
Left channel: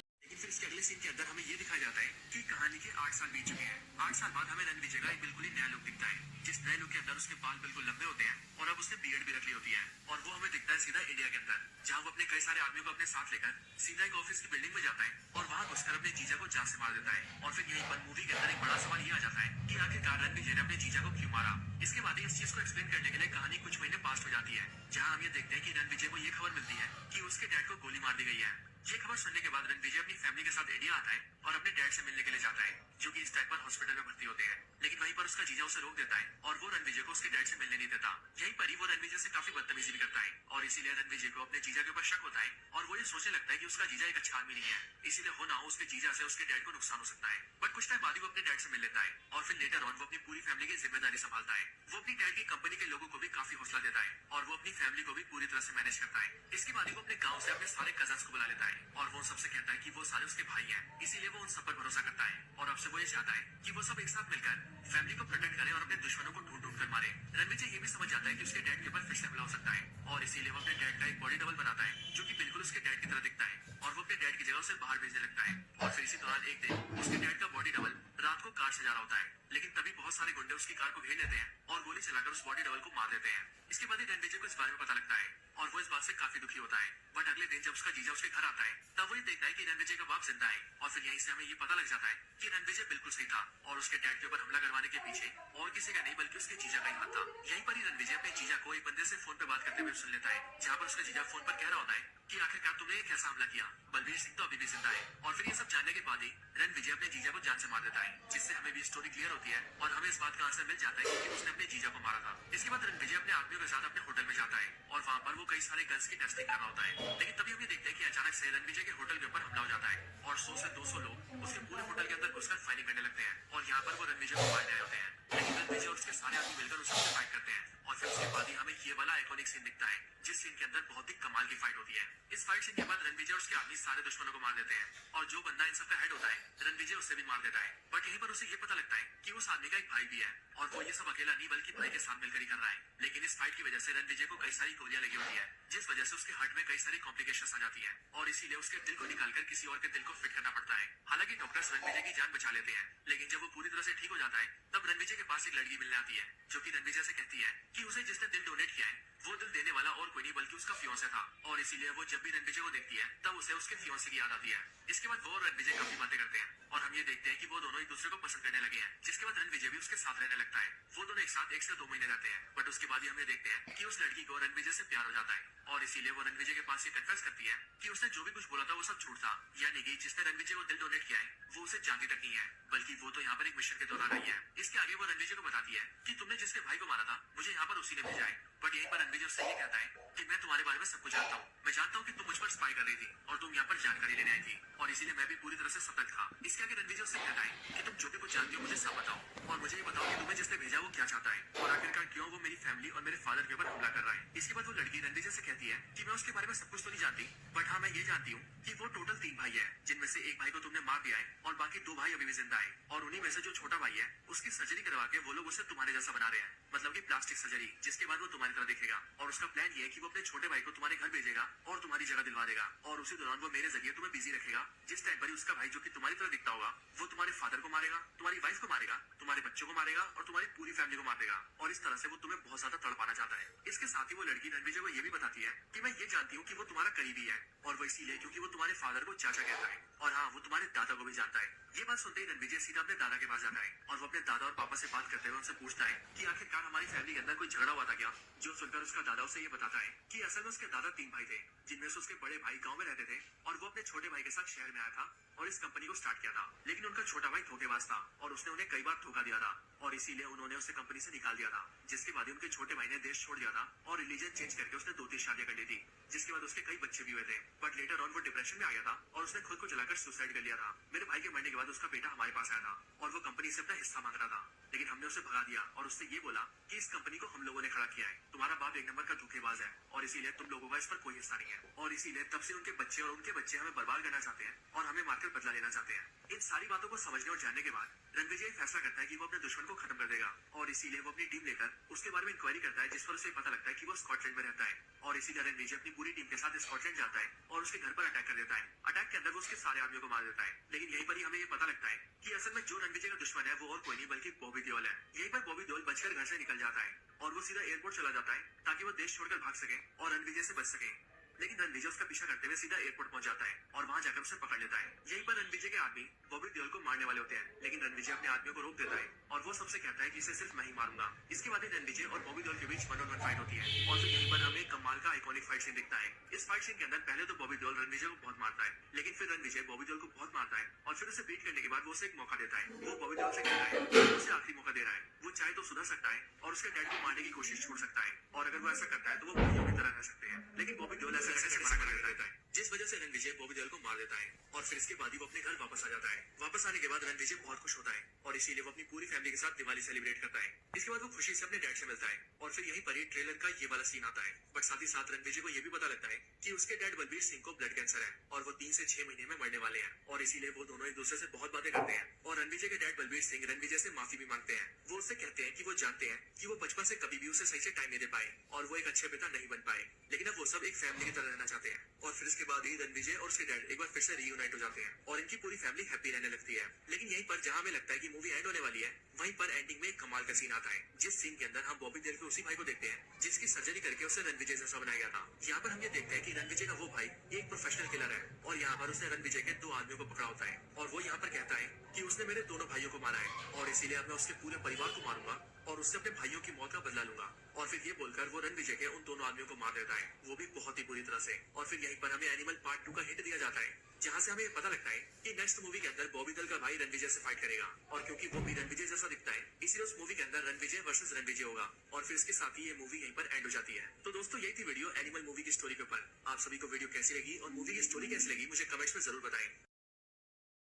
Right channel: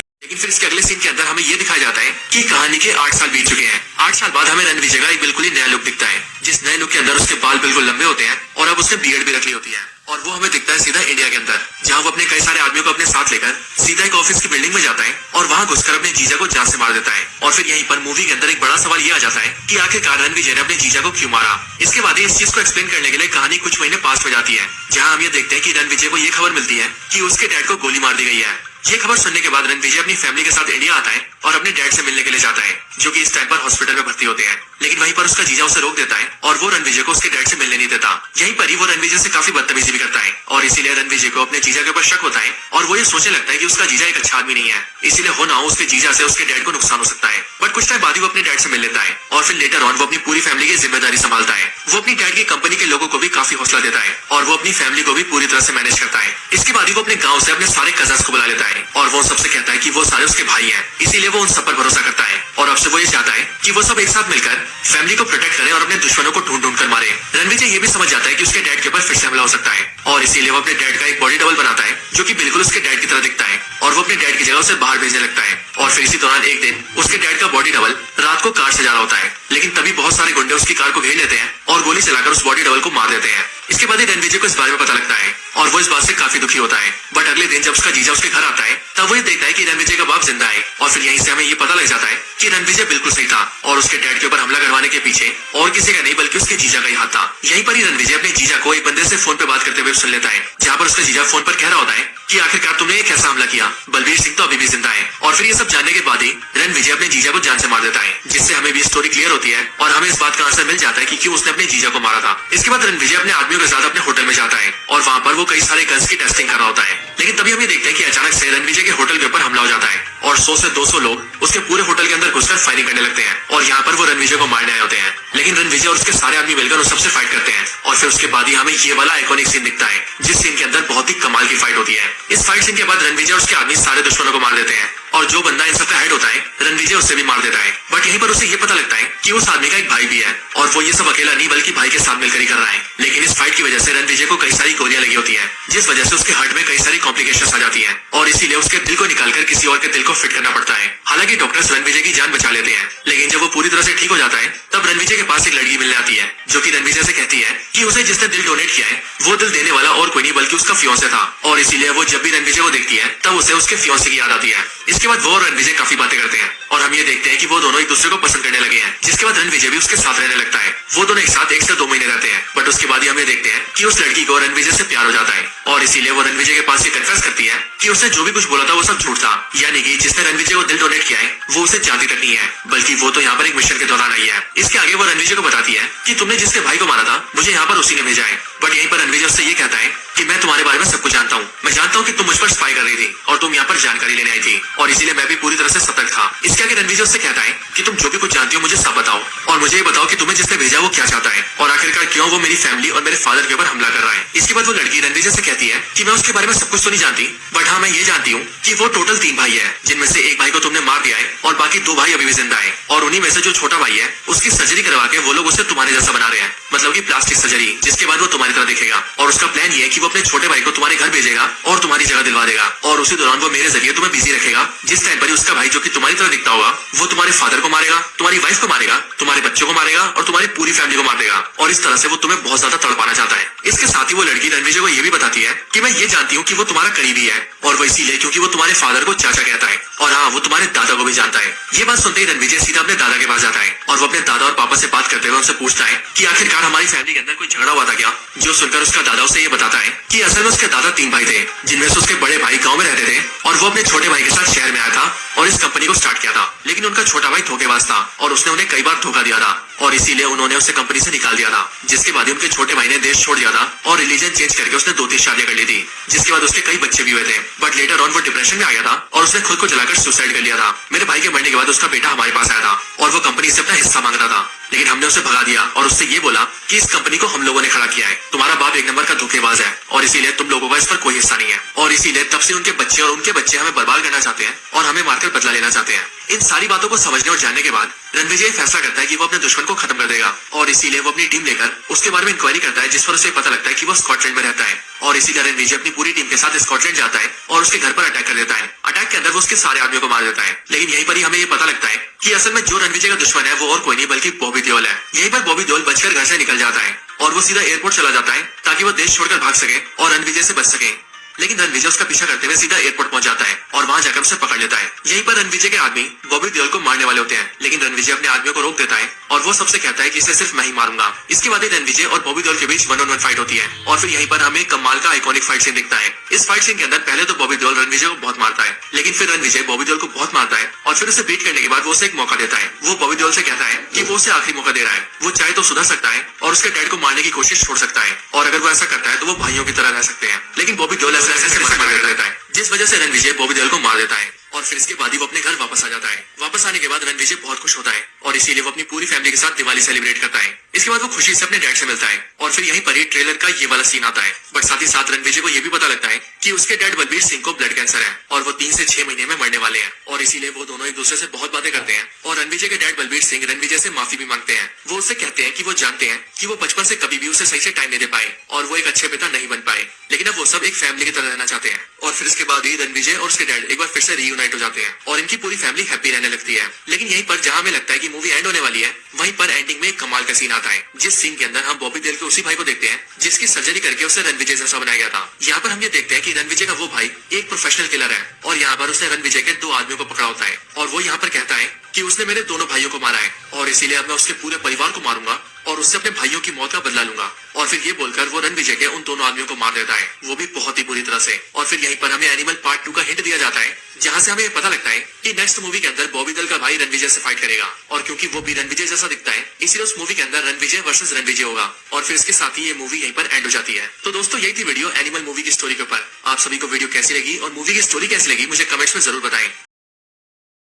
कि कहानी के 8 साल बीत चुके हैं। 8 साल बाद हमें रणविजय का एक बिल्कुल ही नया लुक दिखता है, जिस नए लुक के अंदर उसके बाल बिल्कुल लंबे होते हैं और अब उसने बियर्ड भी रख ली होती है और वो हमें दिखता है सीधा इंडिया के अंदर, जहाँ वो अपने कई सारे आदमियों को अपने साथ लेकर सीधा एक ऑफिस की बिल्डिंग में जाता है और वहाँ घुसकर अपने जीजा को जान से मार देता है। और फिर यहीं पर मूवी के अंदर एक बड़ा सवाल ये आ जाता है कि आखिरकार रणविजय ने अपने जीजा को क्यों मारा। इसके बाद इस चीज को एक्सप्लेन करने के लिए कहानी कुछ महीने पास हो जाती है, जहाँ हम ये देखते हैं कि रणविजय को ये खबर मिलती है कि उसके डैड को गोली मार दी गई है। ये खबर सुनने के बाद रणविजय अपनी फैमिली के साथ इंडिया आता है और अपने डैड से मिलने के लिए जाता है, जो कि इस टाइम पर हॉस्पिटल में भर्ती होते हैं। लेकिन वहीं पर उसका जीजा उसे रोक देता है और वो रणविजय को उसके डैड से मिलने नहीं देता। यहीं पर ही वो रणविजय से काफी बदतमीजी भी करता है और इसीलिए रणविजय को अपने जीजा के ऊपर शक होता है और वो ये सोचने लगता है कि उसका जीजा एक अच्छा आदमी नहीं है, इसीलिए हो ना हो उसके जीजा से उसके डैड को नुकसान हो सकता है। बट कुछ टाइम बाद ही वो अपने डैड से मिल लेता है और फिर लेटर ऑन वो अपनी पूरी फैमिली की जिम्मेदारी संभालता है। वो अपनी डैड की कंपनी के लोगों को भी काफी हौसला देता है और वो अपनी फैमिली को भी पूरी तरह से मैनेज करता है। इसके बाद ही वो अपने गाँव से अपने सारे कजन्स को बुला लेता है और वो सबसे कहता है कि वो सारे उसके भाई हैं, इसीलिए वो उन सब पर भरोसा करता है और अब से वो ये चाहता है कि वो सब एक साथ मिलकर फैमिली को प्रोटेक्ट करें और अपने दुश्मनों को ढूंढ ढूंढ कर मारे। रणविजय ये भी समझ जाता है कि उसके डैड के ऊपर फिर से हमला हो सकता है और इसीलिए वो अपने डैड का एक बॉडी डबल बनाता है जो कि बिल्कुल उसके डैड की तरह दिखता है और वो अपने डैड की जगह उसे बाहर भेजने लगता है। और फिर इसी दौरान एक दिन उसके डैड का बॉडी डबल रात को कार से जा रहा होता है, लेकिन तभी बहुत सारे गुंडे उसकी कार को घेर लेते हैं और गोली चलाकर उस बॉडी डबल को मार देते हैं। इसके बाद ही रणविजय को इस बारे में पता लगता है और वो इस बात से काफी दुखी होता है। बट अगले दिन जब उसका जीजा उसके घर आता है तब वो ये देखता है कि रणविजय का बाप जिंदा है और फिर यहीं से हमें ये पता लग जाता है कि रणविजय बिल्कुल सही था और उसके डैड के ऊपर हमला करवाने के पीछे और किसी का नहीं बल्कि उसके जीजा का ही हाथ था। यहीं पर ही रणविजय अपने जीजा को एक बंदे से फोन पे बात करते हुए सुन लेता है, जहाँ पर उसका जीजा फोन पर कह रहा होता है कि आखिरकार तुमने एक ऐसा हमला किया, बलबीर सिंह तो अभी भी जिंदा है। और फिर ये सब जानने के बाद ही रणविजय अपने जीजा को जान से मार देता है, जिससे हमें भी स्टोरी क्लियर होती है और हमें इस बात का आंसर मिल जाता है कि क्यों उसने अपने जीजा को मारा था। इसके बाद रणविजय अपने आदमियों के साथ अपने होटल में जाता है और वहाँ पर वो कई सारे गन्स की टेस्टिंग कर रहा होता है। लेकिन तभी हमें देखते हैं कि अचानक से रणविजय के होटल के ऊपर हमला हो जाता है और 100 से 200 लोग उसके पूरे होटल के अंदर घुसकर फायरिंग करने लगते हैं और यहाँ पर वो रणविजय को मारने आए होते हैं। लेकिन रणविजय और उसके सारे आदमी मिलकर उस सबसे फाइट करते हैं और फिर उसके बाद ही हमें ये वाला आइकॉनिक सीन दिखता है, जिस सीन के अंदर बहुत ही कमाल की फाइट होती है। इस फाइट सीन के बाद रणविजय और उसके आदमी सारे दुश्मनों को मार देते हैं और जो बंदा इन सबका हेड होता है रणविजय उससे भी मार देता है। बट यहीं पर उसे ये पता लगता है कि उस आदमी का एक भाई भी है और वो ये सब अकेला नहीं बल्कि भाई के साथ मिलकर ही कर रहा है। लेकिन इस फाइट की वजह से रणविजय को कई सारी गोलियां लगी होती है, जिस वजह से उसके हार्ट में कई सारी कॉम्प्लिकेशंस आ जाती हैं और इसीलिए उसके दिल को निकालकर किसी और के दिल को फिट करना पड़ता है। हालांकि डॉक्टर्स रणविजय की जान बचा लेते हैं, लेकिन जब वो पूरी तरह से ठीक हो जाता है तब रणविजय के पास एक लड़की मिलने आती है जो कि रणविजय से कहती है कि उसे जिसने दिल डोनेट किया है वो दिल देने वाला और कोई नहीं बल्कि उसका फियांसे था और इसीलिए वो जब भी रणविजय को देखती है तब उसे उसके फियांसे की याद आती है। इसके बाद वो और रणविजय काफी बातें करते हैं और हम ये देखते हैं कि वो दोनों एक दूसरे को पसंद करने लगे हैं, जिसके बाद रणविजय भी उसके साथ रहने लगता है। वो दोनों एक साथ 1 से 2 महीने रहते हैं, बट उसके बाद ही हम ये देखते हैं कि उस लड़की को रणविजय से प्यार हो जाता है और इसीलिए वो रणविजय के पास ये कन्फेस करती है कि उसने जो भी कुछ बोला था वो सब झूठ था, यानी कि जिसने रणविजय को दिल डोनेट किया है वो उसे जानती तक नहीं है बल्कि वो तो यहाँ पर एक मिशन के दौरान आई है। इसके आगे वो रणविजय को बताती है कि तुमने जिसके भाई को मारा था मुझे यहाँ पर उसी ने भेजा है। बट यहीं पर रणविजय उससे ये कहता है कि मैं तुम्हारे बारे में सब कुछ जानता हूँ, मैं जानता हूँ कि तुम मुझ पर स्पाई कर रही थी और तुम यहाँ पर जानकारी लेने आई थी और इसीलिए मैं भी पूरी तरह से सतर्क था। इसके आगे रणविजय उससे कहता है कि तुम जो भी कुछ जानती हो मुझे सब बताओ और मुझे ये बताओ कि तुम्हें जिसने भेजा वो क्या चाहता है और आखिरकार क्यों वो मेरी फैमिली और मेरे फादर के ऊपर हमला कर रहा है। इसके बाद वो लड़की रणविजय से कहती है कि मैं उसके बारे में सब कुछ तो नहीं जानती, बट हाँ मैं ये जानती हूँ कि वो टोटल 3 भाई है, जिनमें से एक भाई को तुमने मार दिया है और बाकी 2 भाई अभी भी जिंदा है और उन्हीं में से जो छोटा भाई है उसकी सर्जरी करवा के वो लोग उसे तुम्हारे जैसा बना रहे हैं, मतलब की प्लास्टिक सर्जरी, जिसके बाद वो तुम्हारी तरह दिखेगा और उसका प्लान ये है कि वो अपने छोटे भाई को तुम्हारे घर भेजेगा और तुम्हारी जगह दिलवा देगा और उसी दौरान वो मेरे जरिए तुम्हें बिजी रखेगा, जिस टाइम पर उसका भाई जो कि तुम्हारी तरह दिखता होगा वो तुम्हारे फादर को मारेगा, तुम्हारी वाइफ को मारेगा, तुम्हारे बच्चों को मारेगा और तुम्हारी पूरी फैमिली को मार देगा और इस तरह से वो तुम्हें बहुत ज्यादा तड़पाना चाहता है। इसके साथ ही वो लड़की रणविजय को ये भी बताती है कि मैं ये जानती हूँ कि वो तुम्हारा करीबी है और वो इसीलिए क्योंकि वो तुम्हारे फादर को चाचा कहता है और हाँ वो तुम्हारे दादा को भी जानता है। ये बात सुनते ही रणविजय सीधा अपने दादा के पास जाता है और वो अपने दादा और पापा से बात करते हुए उनसे पूछता है कि आखिरकार हमारी फैमिली के अंदर कोई झगड़ा हुआ था क्या, जो सुनकर उसका दादा उसे ये बताता है कि असल में उसके दादा 3 भाई थे, जिनमें से उसके बड़े भाई गाँव में रहते थे और वो अपने छोटे भाई के साथ शहर में आया था और इस कंपनी को स्टार्ट किया था। लेकिन उनका छोटा भाई धोखेबाज था और उसने उन्हें कई बार धोखा दिया था और इसीलिए उन्होंने उसे कंपनी से निकाल दिया था, जिसके बाद उनके छोटे भाई ने देश छोड़ दिया था और रिलीजन चेंज करके उसने 2-3 शादियां कर ली थी, जिसके बाद उसके कई बच्चे भी हुए थे। बट लेटर ऑन वो डिप्रेशन में आ गया था और उसने खुद को जलाकर सुसाइड कर लिया था। मेरे भाई के मरने के बाद उसका बेटा हमारे पास आया था और वो कंपनी से अपना हिस्सा मांग रहा था, लेकिन हमने उसे भगा दिया और उससे ये बोला कि इस कंपनी को हम लोगों ने खड़ा किया है, तुम्हारा बाप 1 नंबर का धोखेबाज है और इसीलिए तुम लोगों का इस पर कोई हिस्सा नहीं है और इसीलिए तब से उनके बच्चे और उनके बच्चे हमें बर्बाद करना चाहते हैं और हमें मारकर बदला लेना चाहते हैं। इन सारी बातों को समझने और जानने के बाद रणविजय फैसला करता है कि वो अपने दुश्मन को खत्म कर देगा और इसीलिए वो अपनी टीम लेकर उसके बारे में इंक्वायरी करता है, जिस पर उसे पता लगता है कि वो स्कॉटलैंड में रहता है और इसीलिए रणविजय अपनी पूरी टीम के साथ स्कॉटलैंड जाता है और उसके घर पर अटैक कर देता है। अटैक के अंदर वो उसके सारे आदमियों को मार देता है, लेकिन यहीं पर ही हमें ये पता लगता है कि असल में जो रणविजय का दुश्मन है वो और कोई नहीं बल्कि बॉबी देओल है। यहीं पर बॉबी देओल बचकर घर से निकल जाता है और वो सीधा एयरपोर्ट चला जाता है ताकि वो देश छोड़कर भाग सके और रणविजय से बच सके। लेकिन रणविजय उसका पीछा करते हुए सीधा एयरपोर्ट पहुंच जाता है और वहां जाकर उसे पकड़ लेता है। यहीं पर रणविजय के आदमी बॉबी देओल को मारने वाले होते हैं, लेकिन रणविजय अपने आदमियों को रोक देता है और वो सबसे कहता है कि इसे सिर्फ मैं ही मारूंगा। इसके बाद रणविजय और बॉबी देओल के बीच 1-on-1 फाइट होती है और फिर यहीं पर हमें कमाल का आइकॉनिक फाइट सीन दिखता है। इस फाइट सीन के अंदर पहले तो बॉबी देओल रणविजय को बहुत मारता है, लेकिन फिर रणविजय बॉबी देओल को बहुत मारता है और फिर उसे बीट करने के बाद वो उसे एक मौका देता है। वो बॉबी देओल से कहता है कि वो उसे आखिरी मौका दे रहा है, वो चाहे तो सुधर सकता है और उसके डैड को मारने की कोशिश छोड़ सकता है, और अगर वो ऐसा करता है तो वो भाइयों की तरह रह सकते हैं। लेकिन बॉबी देओल ऐसे मना कर देता है, जिस वजह से रणविजय बॉबी देओल को मार देता है और फिर इसके बाद ही वो अपने घर वापस आ जाता है। वापस आने के बाद रणविजय बहुत खुश होता है और इसीलिए वो अपनी पूरी फैमिली के साथ दिवाली सेलिब्रेट करता है। इसके बाद वो खुशी से अपने डैड से मिलता है और फिर यहीं पर ही ट्रेलर का ये वाला सीन आता है। बट साथ ही साथ रणविजय को ये भी पता लगता है कि उसके डैड बलबीर सिंह को ब्लड कैंसर है और वो 3 से 6 महीने में मरने वाले हैं, और इसीलिए वो दोनों एक दूसरे से बहुत बातें करते हैं। और रणविजय के डैड बलबीर सिंह रणविजय से माफी भी मांगते हैं। वो उससे कहते हैं कि वो जानते हैं कि वो बचपन से कभी भी उसे सही से टाइम नहीं दे पाए और वो एक अच्छे पिता नहीं बन पाए, लेकिन अब वो सब एक फैमिली की तरह रहना चाहते हैं। और फिर इसके बाद ही रणविजय और उसके डैड एक बार फिर से रीयूनाइट हो जाते हैं और इनकी पूरी फैमिली हैप्पी रहने लगती है। लेकिन यहीं पर जहां हमें लगता है कि मूवी एंड होने वाली है, वहीं पर एंडिंग में एक कमाल का सीन आता है, जिस सीन के अंदर हम बॉबी देओल के उसी भाई को देखते हैं जिसकी सर्जरी करके उसे रणविजय जैसा बनाया गया था। यहाँ पर हम ये देखते हैं कि रणविजय का वो भाई एक प्रोफेशनल किलर है और यहाँ पर उसने रणविजय के 2 आदमियों को पकड़ा होता है और वो यहाँ पर कहता है कि उसने मेरे दोनों भाइयों को मारा है और इसीलिए अब मैं उसके पूरे परिवार को मारूंगा और उससे अपने भाइयों की मौत का बदला लूंगा। और फिर ये बोलकर वो रणविजय के उन दोनों आदमियों को मार देता है, वो भी बहुत ही बुरी तरह से। और फिर यहीं पर हमें एनिमल पार्ट 2 का हिंट दिया जाता है, जहां से हमें पता लगता है कि नेक्स्ट मूवी के अंदर बॉबी देओल का भाई रणविजय से फाइट करेगा, और क्योंकि वो भी रणविजय जैसा दिखता है इसलिए उस मूवी के अंदर रणविजय वर्सेस रणविजय होगा। और फिर इसके साथ ही ये मूवी यहीं पर एंड हो जाती है। तो दोस्तों यही थी वीडियो एनिमल मूवी की स्टोरी के ऊपर। आप सभी को वीडियो कैसी लगी और मूवी की स्टोरी कैसी लगी मुझे कमेंट्स में जरूर बताएं।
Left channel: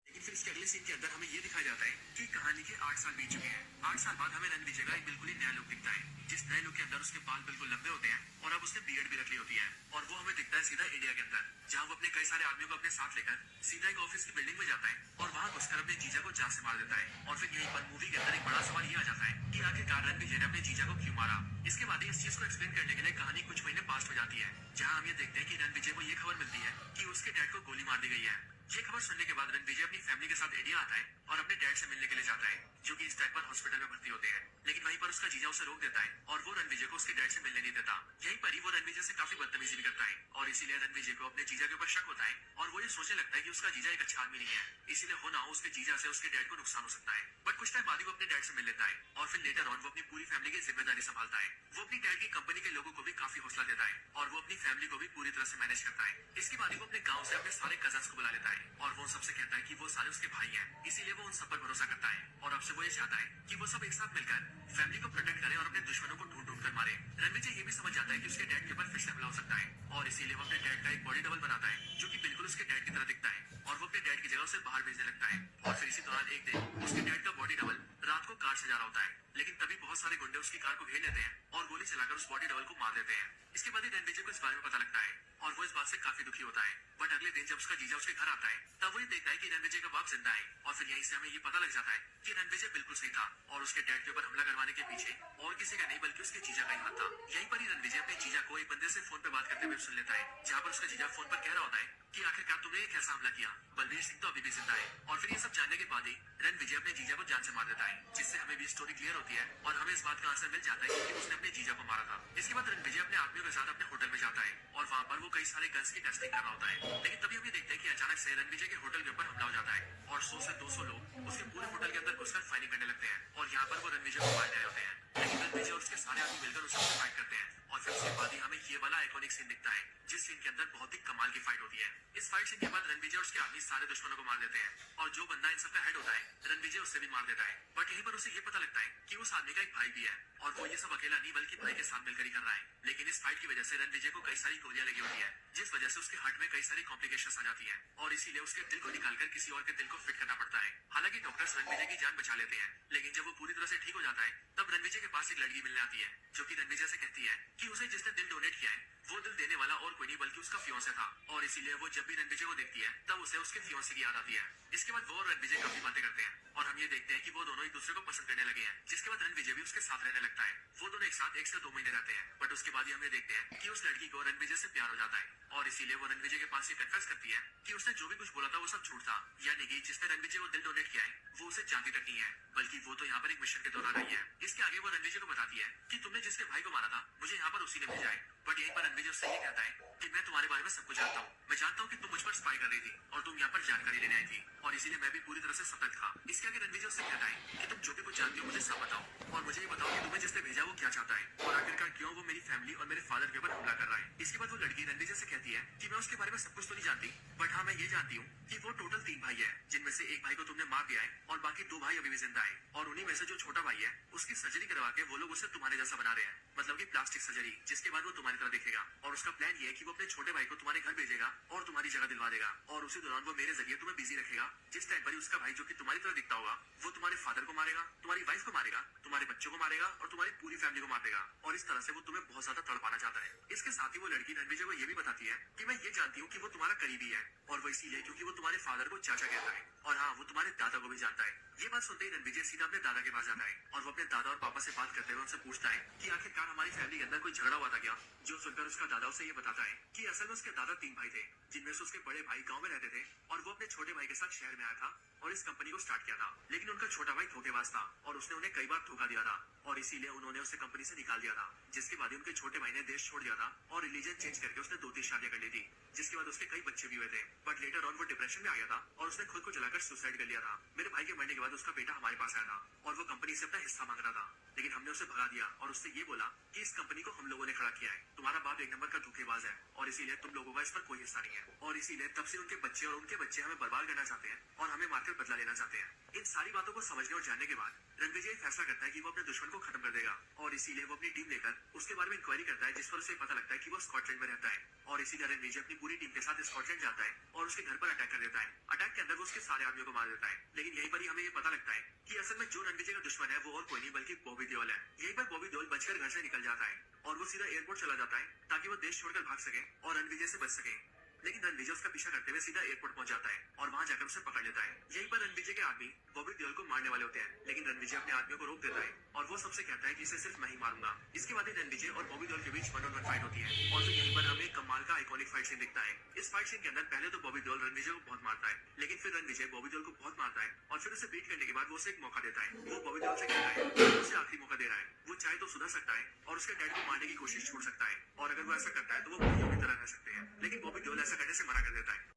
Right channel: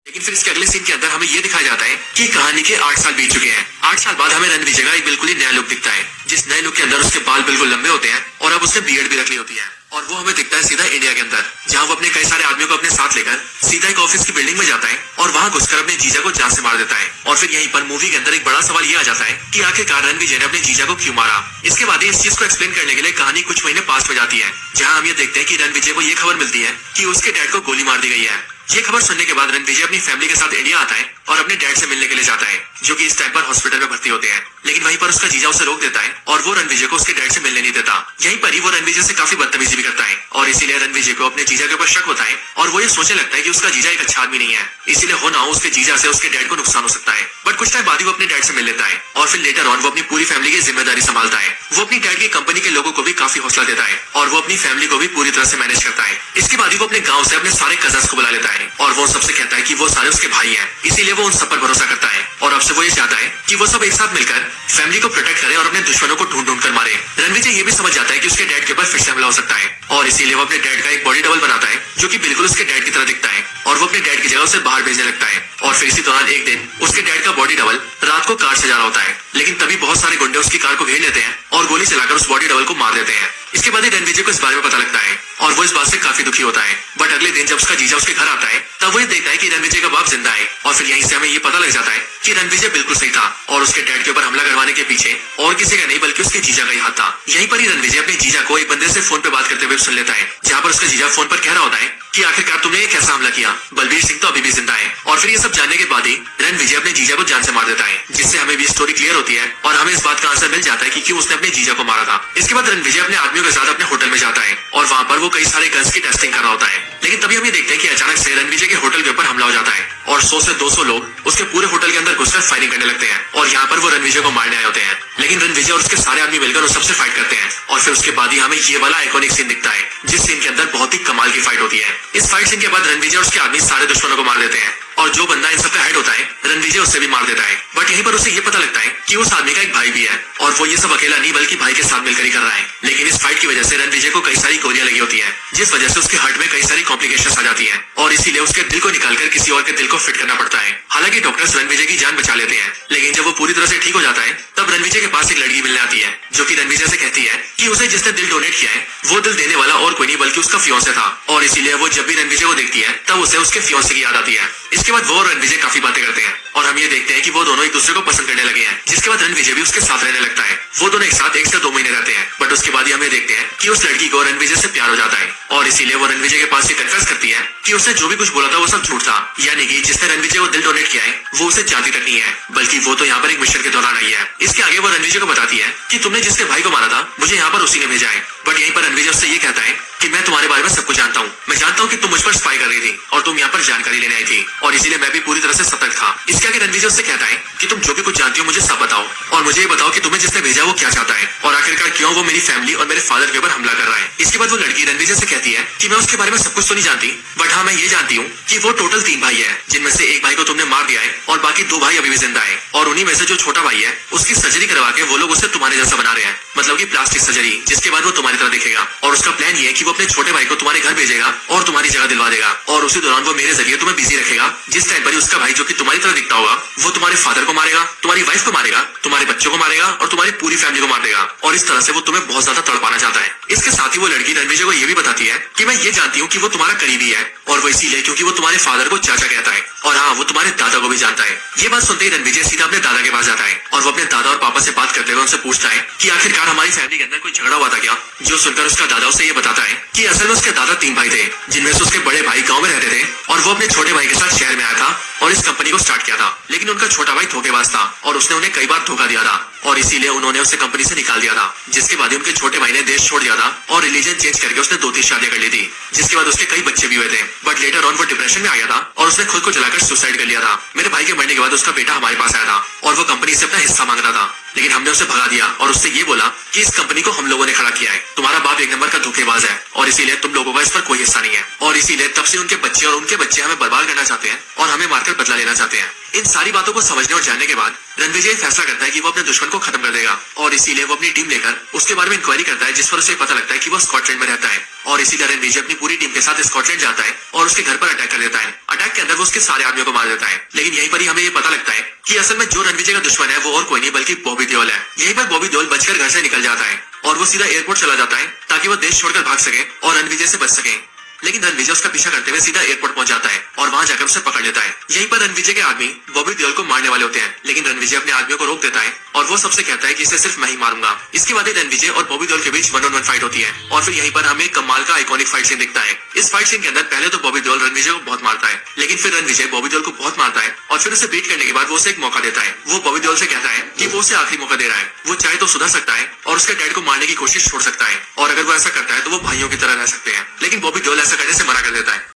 लेकिन फिर इसके अगले सीन के अंदर हमें ये दिखाया जाता है कि कहानी के 8 साल बीत चुके हैं। 8 साल बाद हमें रणविजय का एक बिल्कुल ही नया लुक दिखता है, जिस नए लुक के अंदर उसके बाल बिल्कुल लंबे होते हैं और अब उसने बियर्ड भी रख ली होती है, और वो हमें दिखता है सीधा इंडिया के अंदर, जहां वो अपने कई सारे आदमियों को अपने साथ लेकर सीधा एक ऑफिस की बिल्डिंग में जाता है और वहां घुसकर अपने जीजा को जान से मार देता है। और फिर यहीं पर मूवी के अंदर एक बड़ा सवाल ये आ जाता है कि आखिरकार रणविजय ने अपने जीजा को क्यों मारा। इसके बाद इस चीज को एक्सप्लेन करने के लिए कहानी कुछ महीने पास में जाती है, जहाँ हम ये देखते हैं कि रणविजय को ये खबर मिलती है कि उसके डैड को गोली मार दी गई है। ये खबर सुनने के बाद रणविजय अपनी फैमिली के साथ इंडिया आता है और अपने डैड से मिलने के लिए जाता है, जो कि इस टाइम पर हॉस्पिटल में भर्ती होते हैं। लेकिन वहीं पर उसका जीजा उसे रोक देता है और वो रणविजय को उसके डैड से मिलने नहीं देता। यहीं पर ही वो रणविजय से काफी बदतमीजी भी करता है और इसीलिए रणविजय को अपने जीजा के ऊपर शक होता है और वो ये सोचने लगता है कि उसका जीजा एक अच्छा आदमी नहीं है, इसीलिए हो ना हो उसके जीजा से उसके डैड को नुकसान हो सकता है। बट कुछ टाइम बाद ही वो अपने डैड से मिल लेता है और फिर लेटर ऑन वो अपनी पूरी फैमिली की जिम्मेदारी संभालता है। वो अपनी डैड की कंपनी के लोगों को भी काफी हौसला देता है और वो अपनी फैमिली को भी पूरी तरह से मैनेज करता है। इसके बाद ही वो अपने गाँव से अपने सारे कजन्स को बुला लेता है और वो सबसे कहता है कि वो सारे उसके भाई हैं, इसीलिए वो उन सब पर भरोसा करता है और अब से वो ये चाहता है कि वो सब एक साथ मिलकर फैमिली को प्रोटेक्ट करे और अपने दुश्मनों को ढूंढ कर मारे। रणविजय ये भी समझ जाता है कि उसके डैड के ऊपर फिर से हमला हो सकता है और इसीलिए वो अपने डैड का एक बॉडी डबल बनाता है, जो कि बिल्कुल उसके डैड की तरह दिखता है, और वो अपने डैड की जगह उसे बाहर भेजने लगता है। और फिर इसी दौरान एक दिन उसके डैड का बॉडी डबल रात को कार से जा रहा होता है, लेकिन तभी बहुत सारे गुंडे उसकी कार को घेर लेते हैं और गोली चलाकर उस बॉडी डबल को मार देते हैं। इसके बाद ही रणविजय को इस बारे में पता लगता है और वो इस बात से काफी दुखी होता है। बट अगले दिन जब उसका जीजा उसके घर आता है तब वो ये देखता है कि रणविजय का बाप जिंदा है, और फिर यहीं से हमें ये पता लग जाता है कि रणविजय बिल्कुल सही था और उसके डैड के ऊपर हमला करवाने के पीछे और किसी का नहीं बल्कि उसके जीजा का ही हाथ था। यहीं पर ही रणविजय अपने जीजा को एक बंदे से फोन पे बात करते हुए सुन लेता है, जहाँ पर उसका जीजा फोन पर कह रहा होता है कि आखिरकार तुमने ये कैसा हमला किया, बलबीर सिंह तो अभी भी जिंदा है। और फिर ये सब जानने के बाद ही रणविजय अपने जीजा को जान से मार देता है, जिससे हमें भी स्टोरी क्लियर होती है और हमें इस बात का आंसर मिल जाता है कि क्यों उसने अपने जीजा को मारा था। इसके बाद रणविजय अपने आदमियों के साथ अपने होटल में जाता है और वहाँ पर वो कई सारे गन्स की टेस्टिंग कर रहा होता है। लेकिन तभी हम ये देखते हैं कि अचानक से रणविजय के होटल के ऊपर हमला हो जाता है और 100 से 200 लोग उसके पूरे होटल के अंदर घुसकर फायरिंग करने लगते हैं और यहाँ पर वो रणविजय को मारने आए होते हैं। लेकिन रणविजय और उसके सारे आदमी मिलकर उस सबसे फाइट करते हैं और फिर उसके बाद ही हमें ये वाला आइकॉनिक सीन दिखता है, जिस सीन के अंदर बहुत ही कमाल की फाइट होती है। इस फाइट सीन के बाद रणविजय और उसके आदमी सारे दुश्मनों को मार देते हैं और जो बंदा इन सबका हेड होता है रणविजय उससे भी मार देता है। बट यहीं पर उसे ये पता लगता है कि उस आदमी का एक भाई भी है और वो ये सब अकेला नहीं बल्कि भाई के साथ मिलकर ही कर रहा है। लेकिन इस फाइट की वजह से रणविजय को कई सारी गोलियां लगी होती है, जिस वजह से उसके हार्ट में कई सारी कॉम्प्लिकेशंस आ जाती हैं और इसीलिए उसके दिल को निकालकर किसी और के दिल को फिट करना पड़ता है। हालांकि डॉक्टर्स रणविजय की जान बचा लेते हैं, लेकिन जब वो पूरी तरह से ठीक हो जाता है तब रणविजय के पास एक लड़की मिलने आती है, जो कि रणविजय से कहती है कि उसे जिसने दिल डोनेट किया है वो दिल देने वाला और कोई नहीं बल्कि उसका फियांसे था, और इसीलिए वो जब भी रणविजय को देखती है तब उसे उसके फियांसे की याद आती है। इसके बाद वो और रणविजय काफी बातें करते हैं और हम ये देखते हैं कि वो दोनों एक दूसरे को पसंद करने लगे हैं, जिसके बाद रणविजय भी उसके साथ रहने लगता है। वो दोनों एक साथ 1 से 2 महीने रहते हैं, बट उसके बाद ही हमें देखते हैं कि उस लड़की को रणविजय से प्यार हो जाता है और इसीलिए वो रणविजय के पास ये कन्फेस करती है कि उसने जो भी कुछ बोला था वो सब झूठ था, यानी कि जिसने रणविजय को दिल डोनेट किया है वो उसे जानती टिकट नहीं है, बल्कि वो तो यहाँ पर एक मिशन के दौरान आई है। इसके आगे वो रणविजय को बताती है कि तुमने जिसके भाई को मारा था मुझे यहाँ पर उसी ने भेजा है। बट यहीं पर रणविजय उससे ये कहता है कि मैं तुम्हारे बारे में सब कुछ जानता हूँ। मैं जानता हूँ कि तुम मुझ पर स्पाई कर रही थी और तुम यहाँ पर जानकारी लेने आई थी, और इसीलिए मैं भी पूरी तरह से सतर्क था। इसके आगे रणविजय उससे कहता है कि तुम जो भी कुछ जानती हो मुझे सब बताओ, और मुझे ये बताओ कि तुम्हें जिसने भेजा वो क्या चाहता है, और आखिरकार क्यों वो मेरी फैमिली और मेरे फादर के ऊपर हमला कर रहा है। इसके बाद वो लड़की रणविजय से कहती है कि मैं उसके बारे में सब कुछ तो नहीं जानती, बट हाँ मैं ये जानती हूँ कि वो टोटल 3 भाई है, जिनमें से एक भाई को तुमने मार दिया है और बाकी 2 भाई अभी भी जिंदा है। और उन्हीं में से जो छोटा भाई है उसकी सर्जरी करवा के वो लोग उसे तुम्हारे जैसा बना रहे हैं, मतलब कि प्लास्टिक सर्जरी, जिसके बाद वो तुम्हारी तरह दिखेगा। और उसका प्लान ये है कि वो अपने छोटे भाई को तुम्हारे घर भेजेगा और तुम्हारी जगह दिलवा देगा, और उसी दौरान वो मेरे जरिए तुम्हें बिजी रखेगा। जिस टाइम पर ही उसका भाई जो कि तुम्हारी तरह दिखता होगा वो तुम्हारे फादर को मारेगा, तुम्हारी वाइफ को मारेगा, तुम्हारे बच्चों को मारेगा और तुम्हारी पूरी फैमिली को मार देगा। और इस तरह से वो तुम्हें बहुत ज्यादा तड़पाना चाहता है। इसके साथ ही वो लड़की रणविजय को ये भी बताती है कि मैं ये जानती हूँ कि वो तुम्हारा करीबी है, और वो इसीलिए क्योंकि वो तुम्हारे फादर को चाचा कहता है, और हाँ वो तुम्हारे दादा को भी जानता है। ये बात सुनते ही रणविजय सीधा अपने दादा के पास जाता है, और वो अपने दादा और पापा से बात करते हुए उनसे पूछता है कि आखिरकार हमारी फैमिली के अंदर कोई झगड़ा हुआ था क्या। जो सुनकर उसका दादा उसे ये बताता है कि असल में उसके दादा 3 भाई थे, जिनमें से उसके बड़े भाई गांव में रहते थे और वो अपने छोटे भाई के साथ शहर में आया था और इस कंपनी को स्टार्ट किया था। लेकिन उनका छोटा भाई धोखेबाज था और उसने उन्हें कई बार धोखा दिया था, और इसीलिए उन्होंने उसे कंपनी से निकाल दिया था। जिसके बाद उनके छोटे भाई ने देश छोड़ दिया था और रिलीजन चेंज करके उसने 2-3 शादियां कर ली थी, जिसके बाद उसके कई बच्चे भी हुए थे। बट लेटर ऑन वो डिप्रेशन में आ गया था और उसने खुद को जलाकर सुसाइड कर लिया था। मेरे भाई के मरने के बाद उसका बेटा हमारे पास आया था और वो कंपनी से अपना हिस्सा मांग रहा था, लेकिन हमने उसे भगा दिया और उससे ये बोला कि इस कंपनी को हम लोगों ने खड़ा किया है, तुम्हारा बाप एक नंबर का धोखेबाज है और इसीलिए तुम लोगों का इस पर कोई हिस्सा नहीं है। और इसीलिए तब से उनके बच्चे और उनके बच्चे हमें बर्बाद करना चाहते हैं और हमें मारकर बदला लेना चाहते हैं। इन सारी बातों को समझने और जानने के बाद रणविजय फैसला करता है कि वो अपने दुश्मन को खत्म कर देगा, और इसीलिए वो अपनी टीम लेकर उसके बारे में इंक्वायरी करता है, जिस पर उसे पता लगता है कि वो स्कॉटलैंड में रहता है। और इसीलिए रणविजय अपनी पूरी टीम के साथ स्कॉटलैंड जाता है और उसके घर पर अटैक कर देता है। अटैक के अंदर वो उसके सारे आदमियों को मार देता है। लेकिन यहीं पर ही हमें ये पता लगता है कि असल में जो रणविजय का दुश्मन है वो और कोई नहीं बल्कि बॉबी देओल है। यहीं पर बॉबी देओल बचकर घर से निकल जाता है और वो सीधा एयरपोर्ट चला जाता है ताकि वो देश छोड़कर भाग सके और रणविजय से बच सके। लेकिन रणविजय उसका पीछा करते हुए सीधा एयरपोर्ट पहुंच जाता है और वहां जाकर उसे पकड़ लेता है। यहीं पर रणविजय के आदमी बॉबी देओल को मारने वाले होते हैं, लेकिन रणविजय अपने आदमियों को रोक देता है और वो सबसे कहता है कि इसे सिर्फ मैं ही मारूंगा। इसके बाद रणविजय और बॉबी देओल के बीच 1-on-1 फाइट होती है और फिर यहीं पर हमें कमाल का आइकॉनिक फाइट सीन दिखता है। इस फाइट सीन के अंदर पहले तो बॉबी देओल रणविजय को बहुत मारता है, लेकिन फिर रणविजय बॉबी देओल को बहुत मारता है और फिर उसे बीट करने के बाद वो उसे एक मौका देता है। वो बॉबी देओल से कहता है कि वो उसे आखिरी मौका दे रहा है, वो चाहे तो सुधर सकता है और उसके डैड को मारने की कोशिश छोड़ सकता है, और अगर वो ऐसा करता है तो वो भाइयों की तरह रह सकते हैं। लेकिन बॉबी देओल ऐसा करने से मना कर देता है।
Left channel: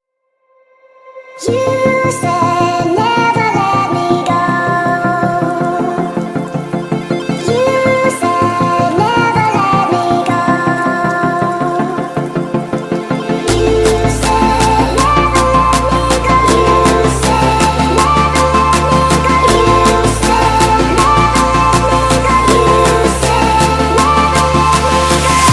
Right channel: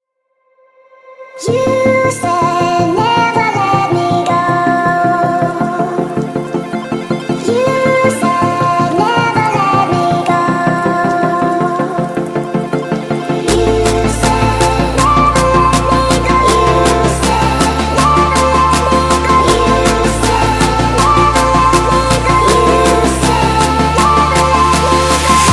You said never let me go. You said never let me go. You said never let me go. You said never let me go. You said never let me go. You said never let me go.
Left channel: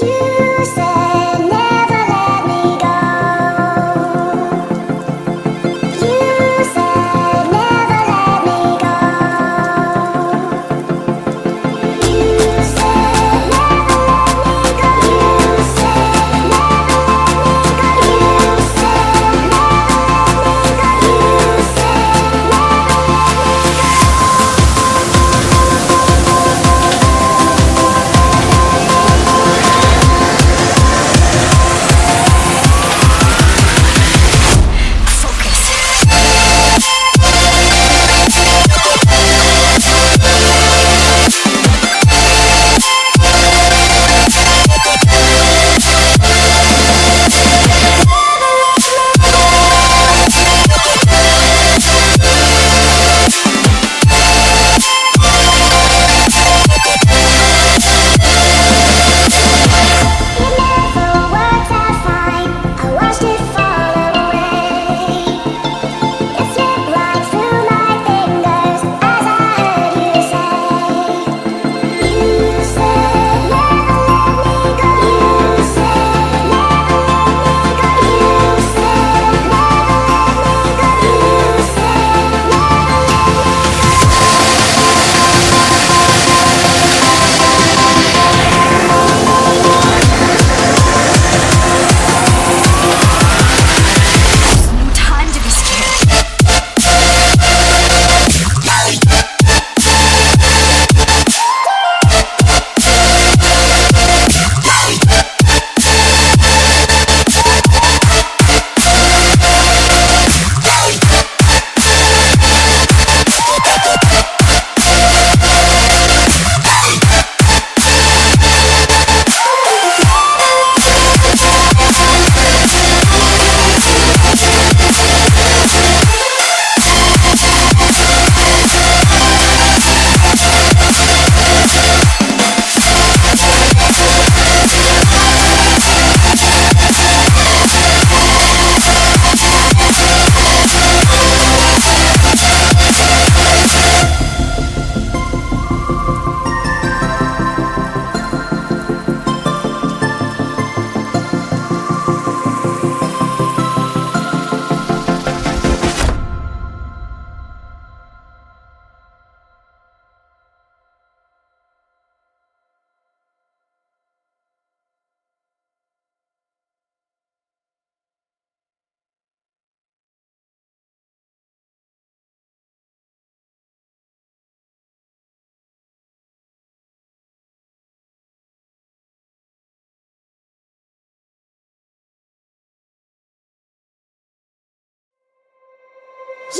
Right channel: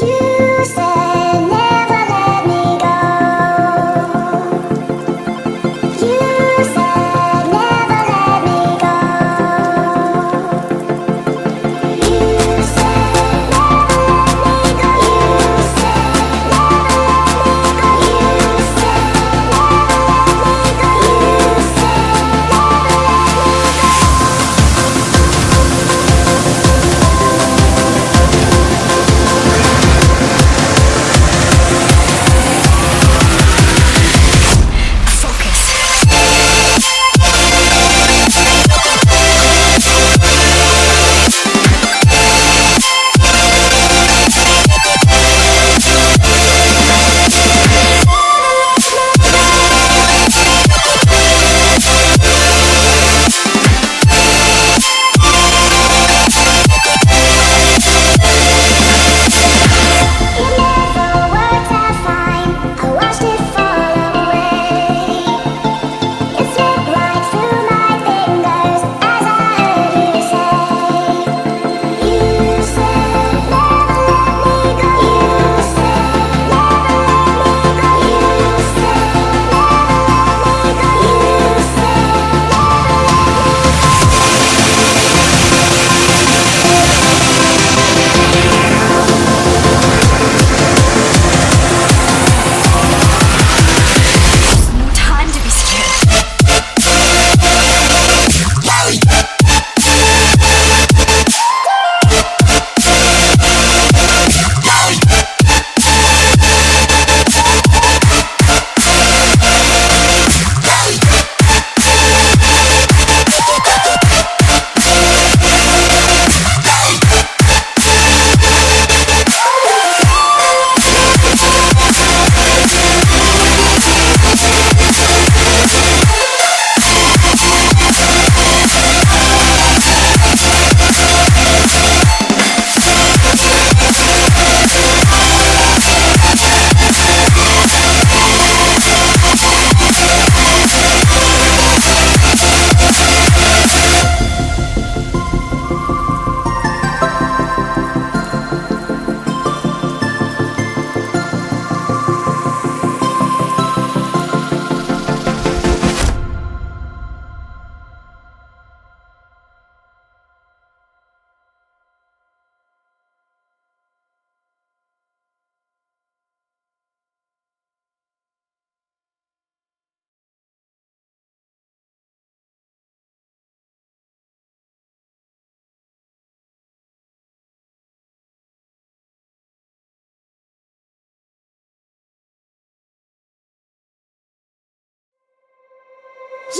You said never let me go. You said never let me go. You said never let me go. You said never let me go. You said never let me go. You said it never worked out fine. I watched it fall away. It slipped right through my fingers as I heard you say. You said never let me go. You said never let me go. You said never let me go. You said There's no time to be scared.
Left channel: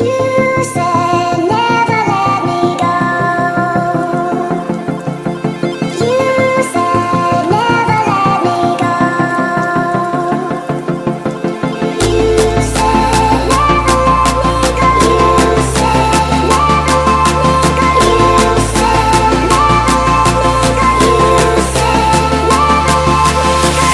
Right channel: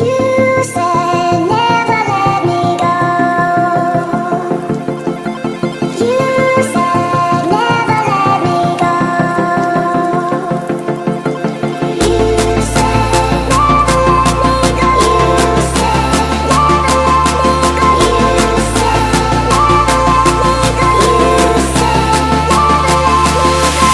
you said never let me go. You said never let me go. You said never let me go. You said never let me go. You said never let me go. You said never let me go.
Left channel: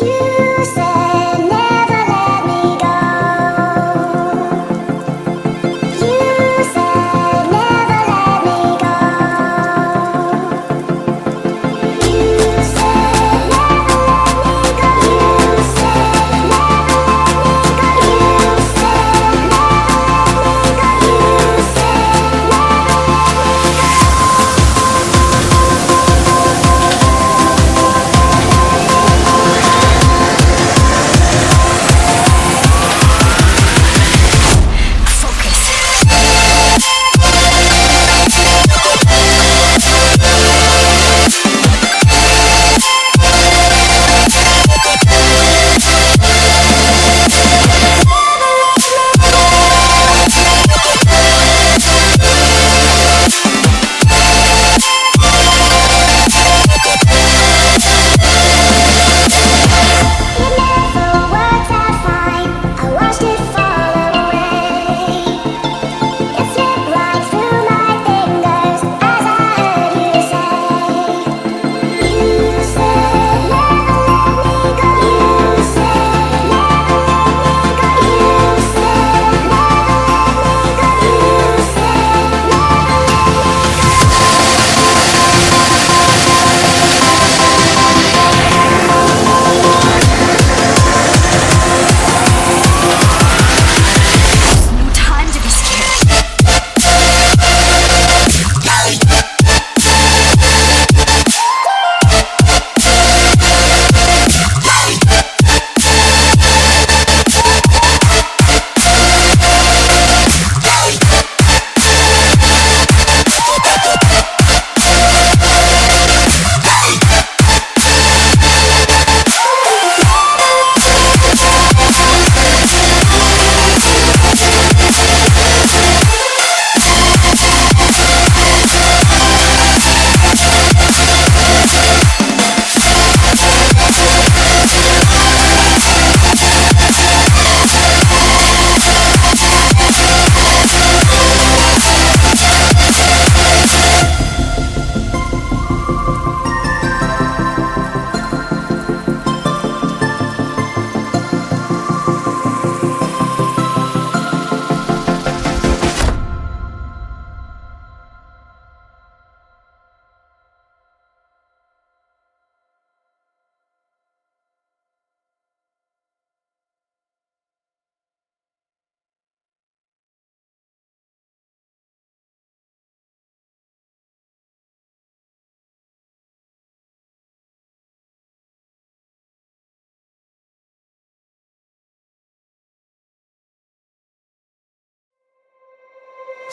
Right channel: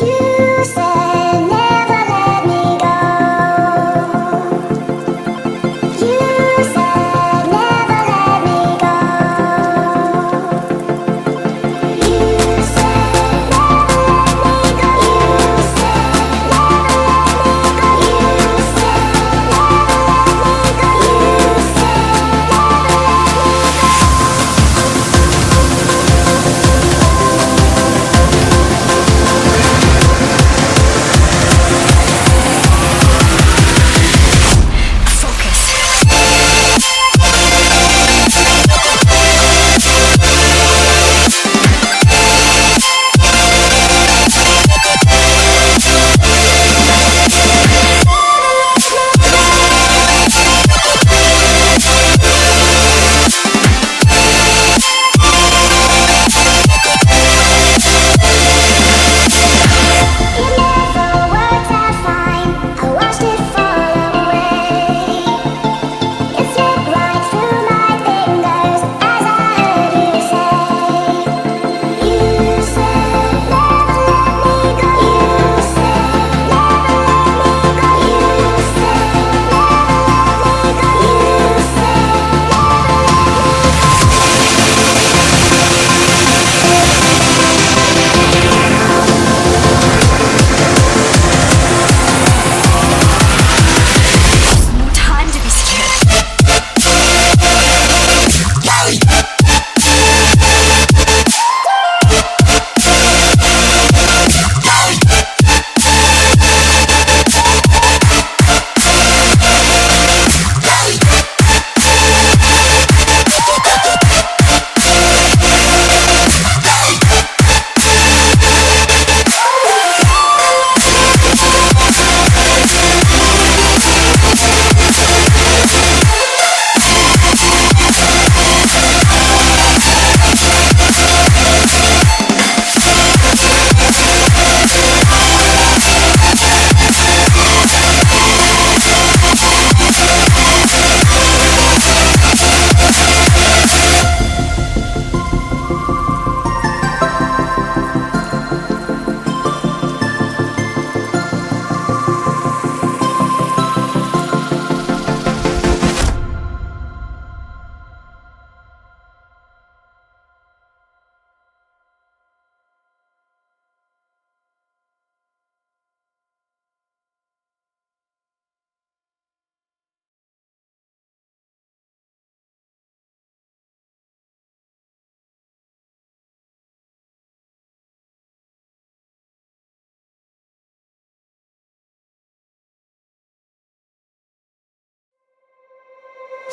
You said never let me go. You said never let me go. You said never let me go. You said never let me go. You said never let me go. You said it never worked out fine. I watched it fall away. It slipped right through my fingers as I heard you say. You said never let me go. You said never let me go. You said never let me go. You said No time to be scared.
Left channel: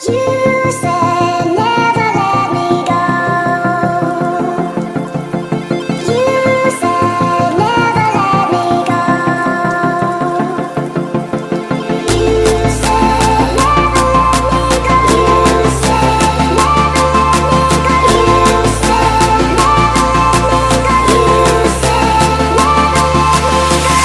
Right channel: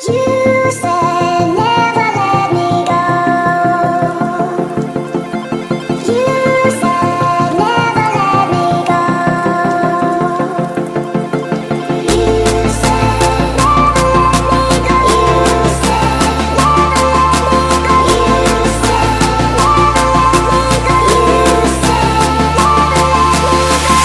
You said never let me go. You said never let me go. You said never let me go. You said never let me go. You said never let me go. You said never let me go.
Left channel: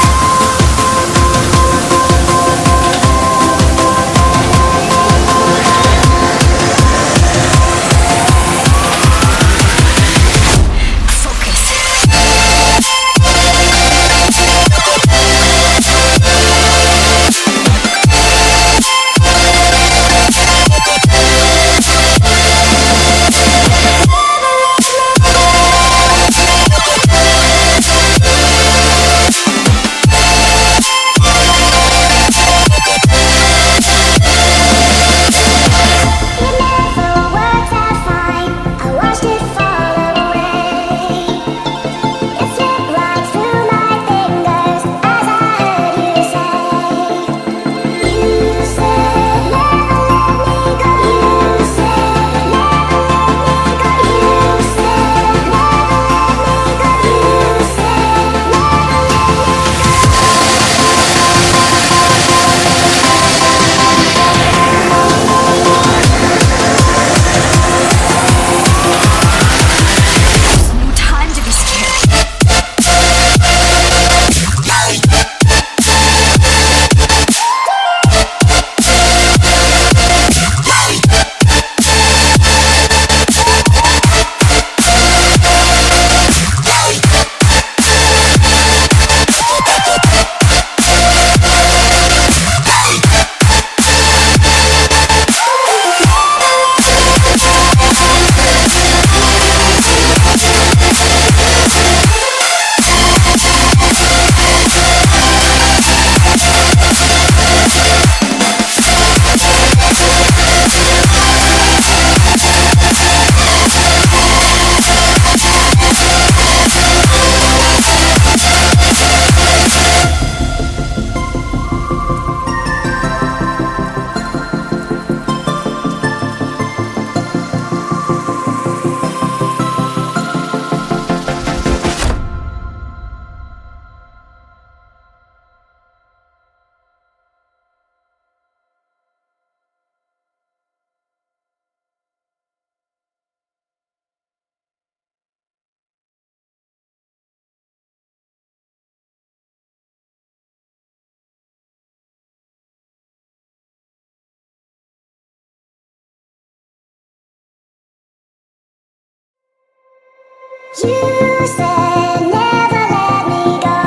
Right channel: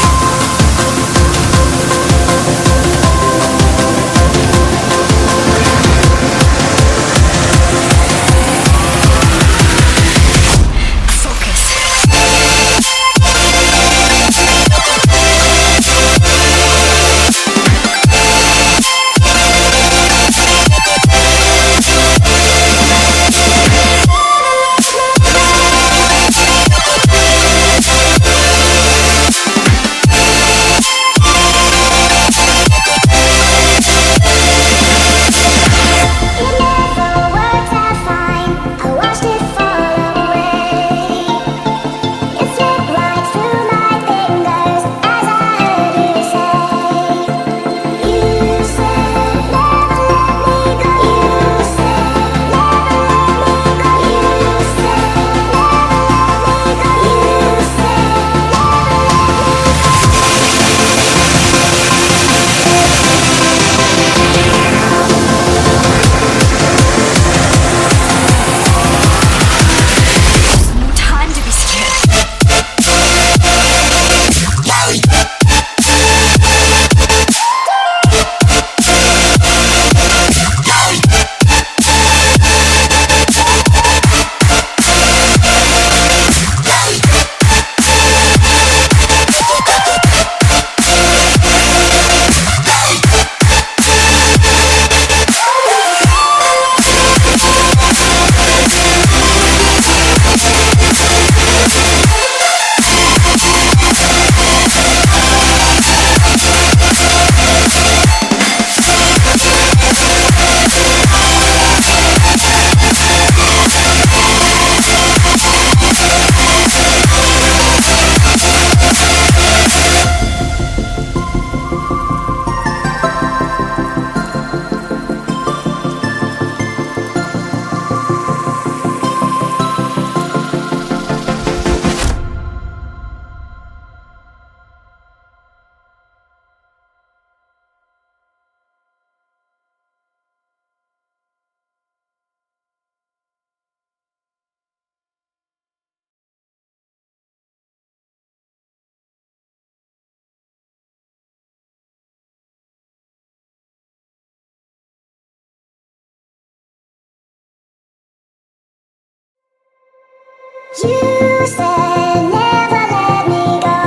You said never let me go.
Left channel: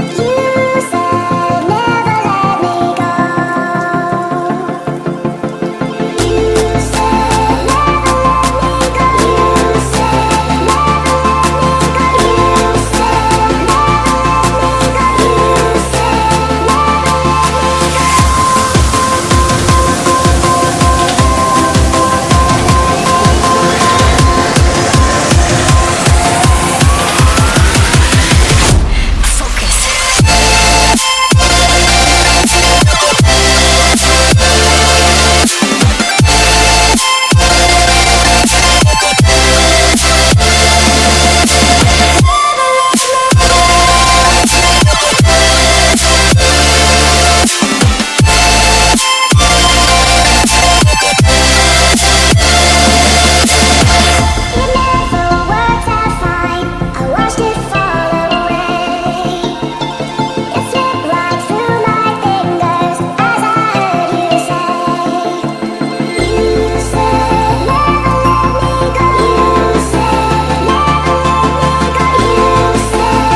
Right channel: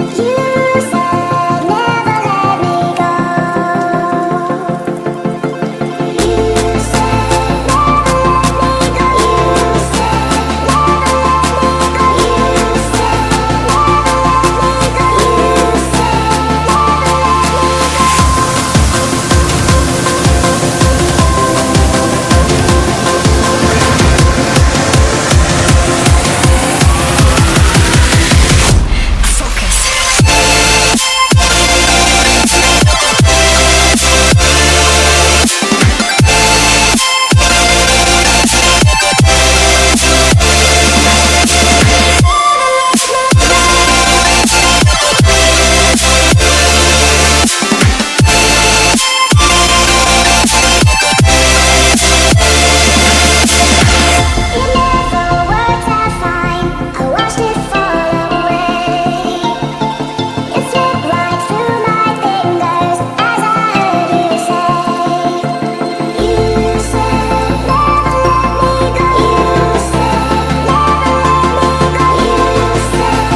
You said never let me go. You said never let me go. You said never let me go. You said never let me go. You said it never worked out fine. I watched it fall away. It slipped right through my fingers as I heard you say. You said never let me go. You said never let me go. You said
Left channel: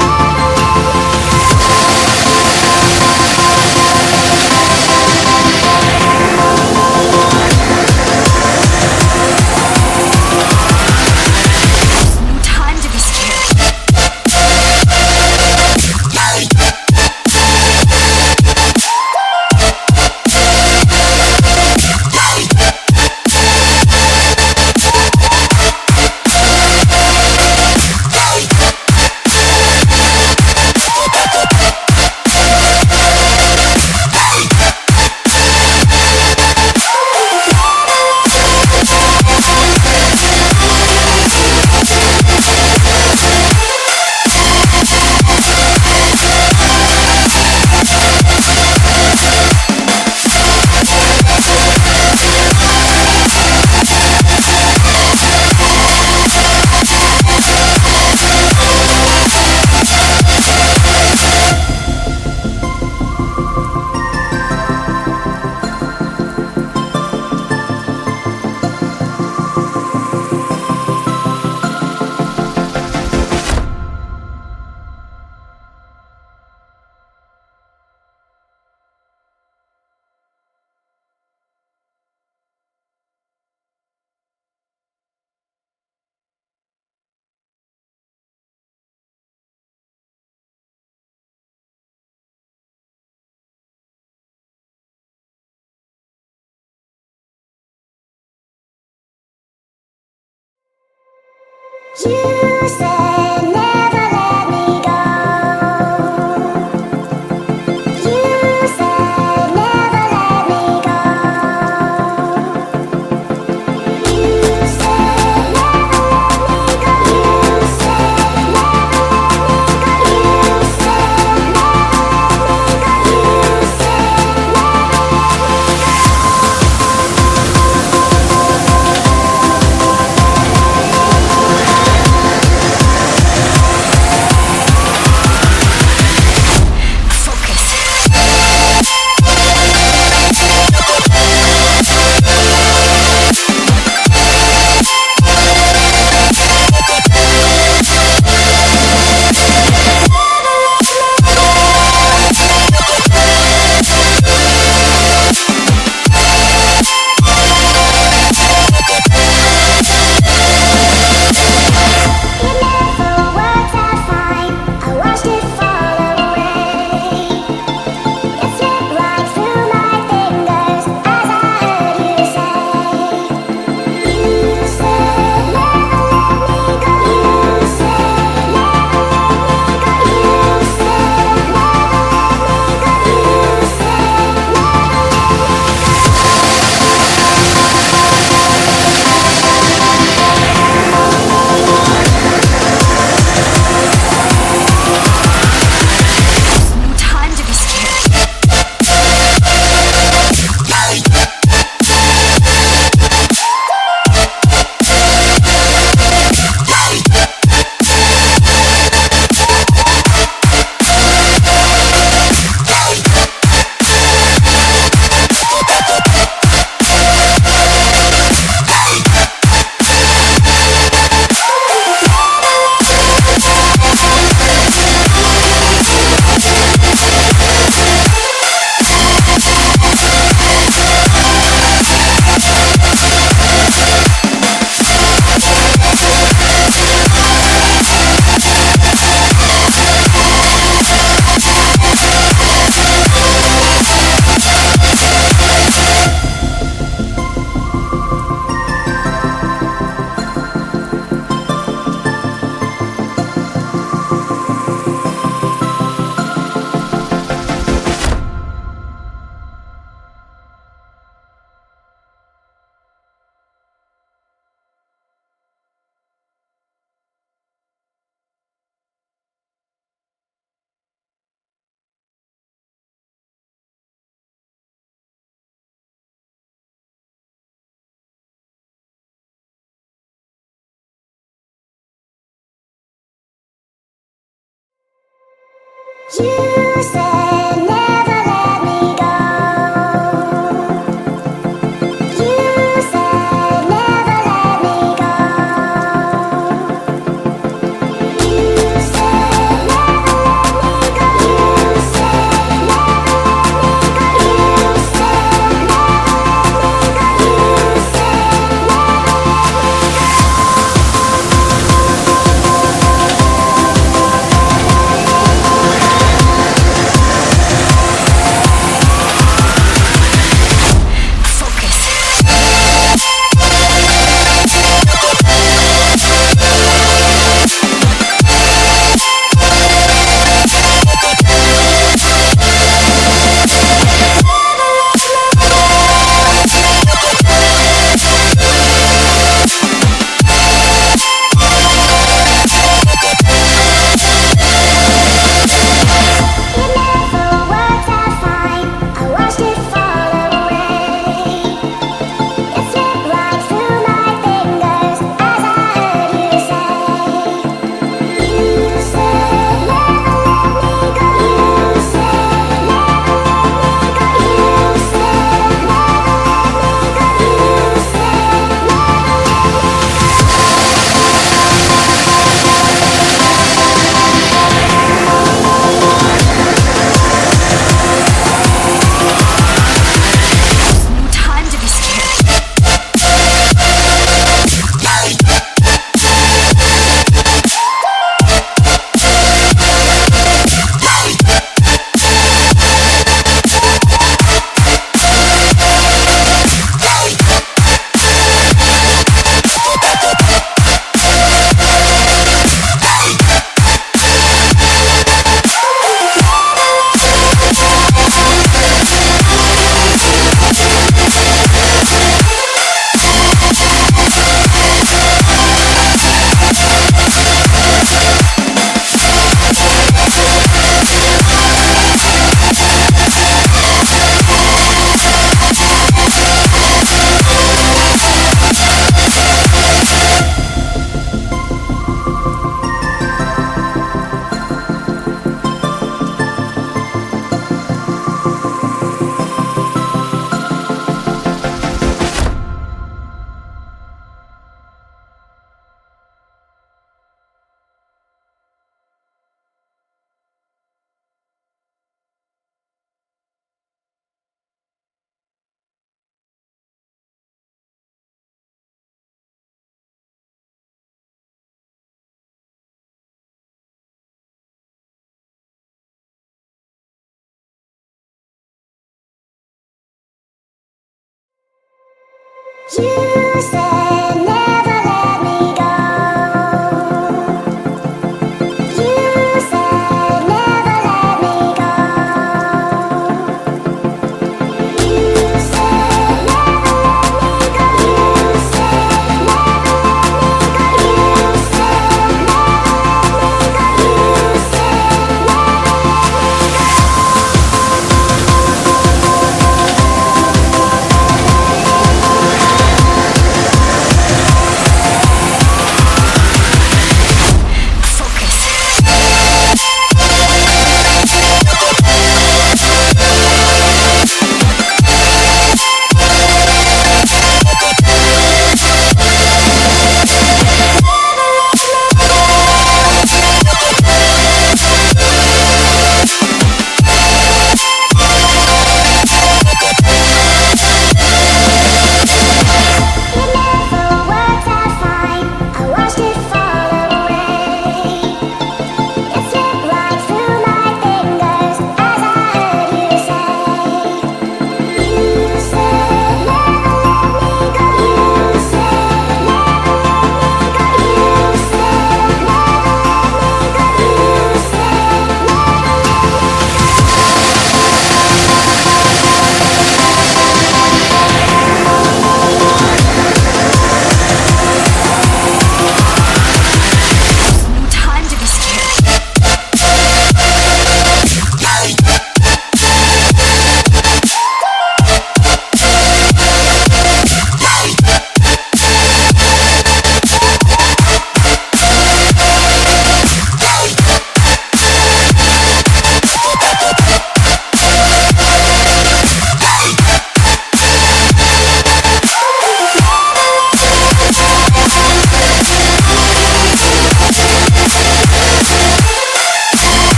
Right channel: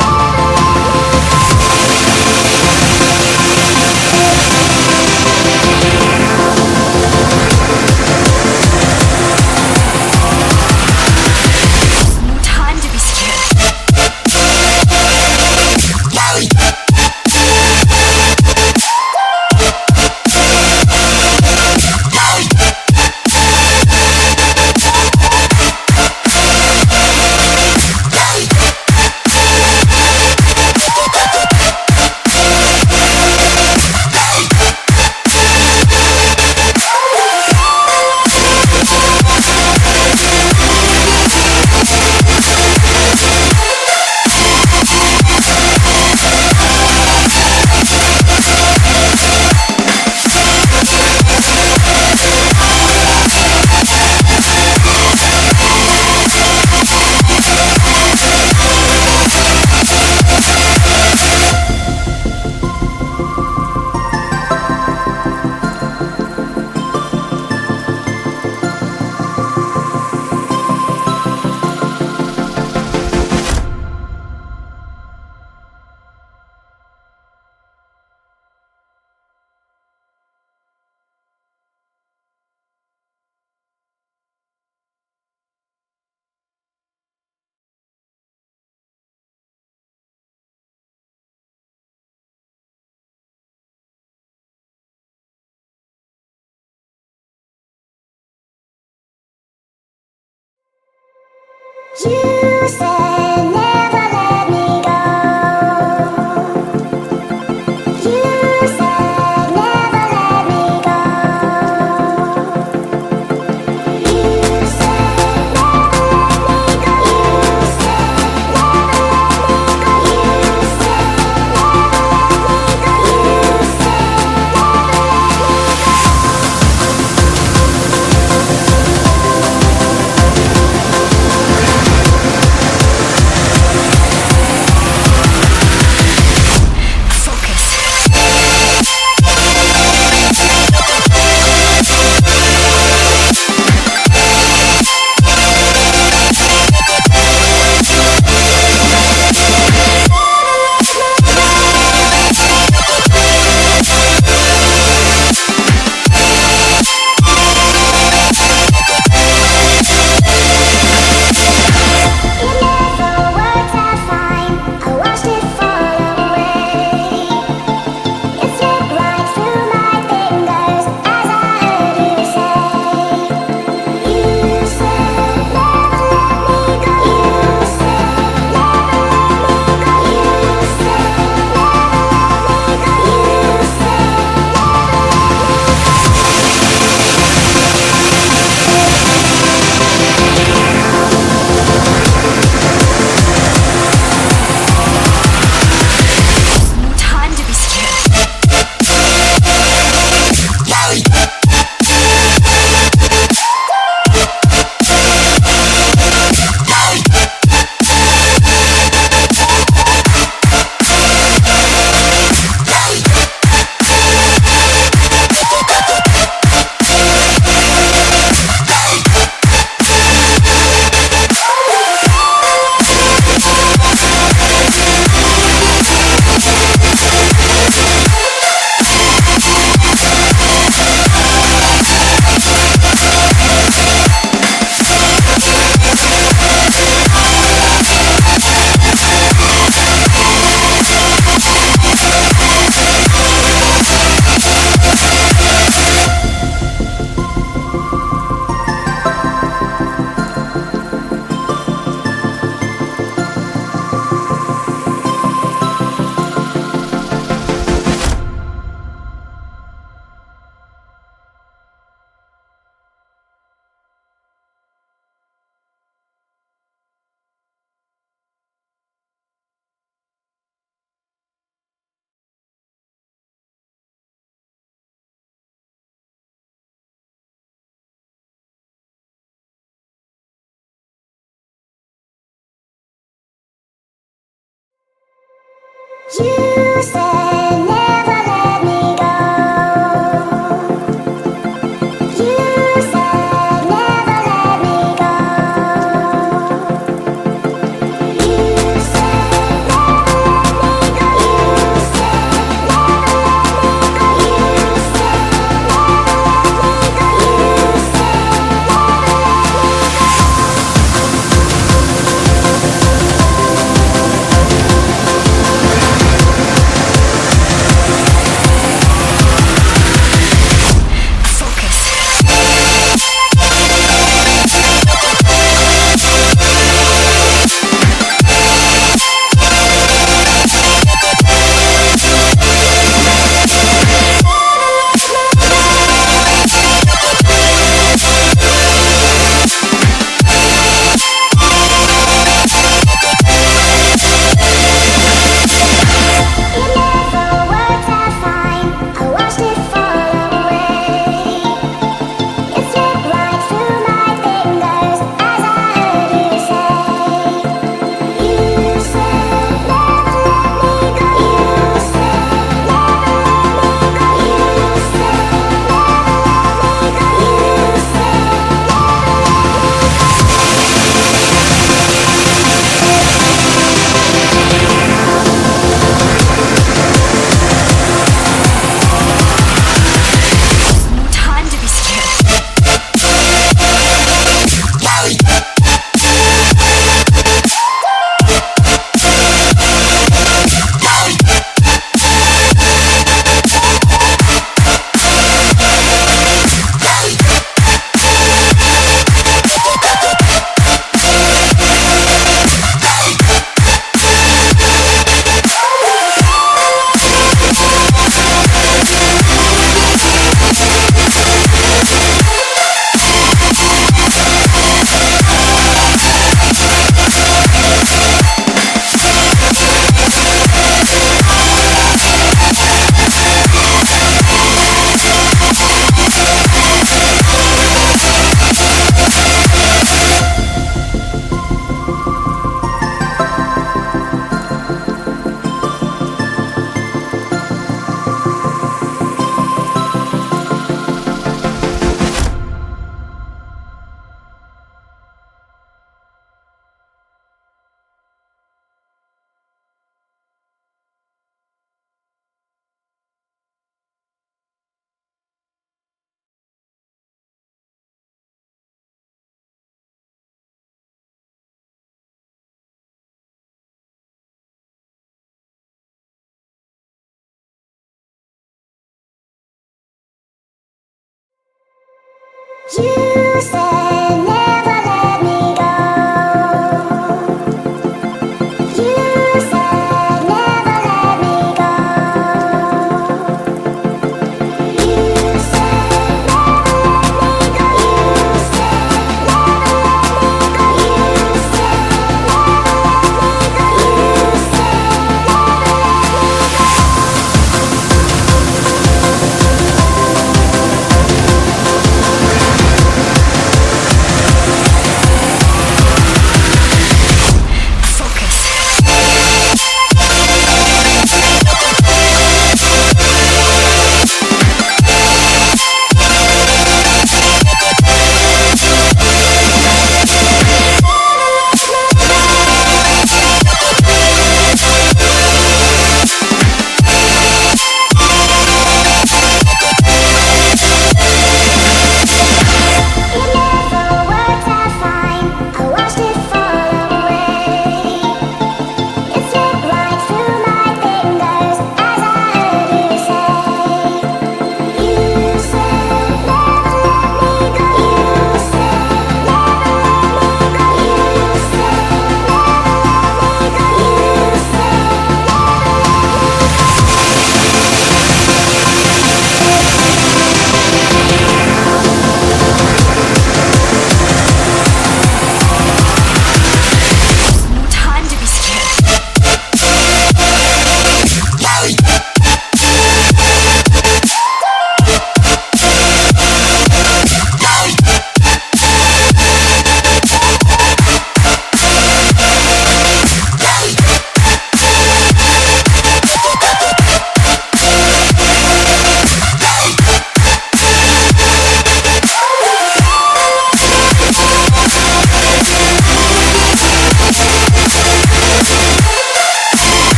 never let me go. You said No time to be scared. you said never let me go. You said never let me go. You said never let me go. You said never let me go. You said never let me go. You said never let me go. You said never let me go. You said never let me go. You said never let me go. You said never let me go. You said never let me go. You said it never worked out fine. I watched it fall away. It slipped right through my fingers as I heard you say. You said never let me go. You said never let me go. You said never let me go. You said never let me go. No time to be scared. You said never let me go. You said never let me go. You said never let me go. You said never let me go. You said never let me go. You said never let me go.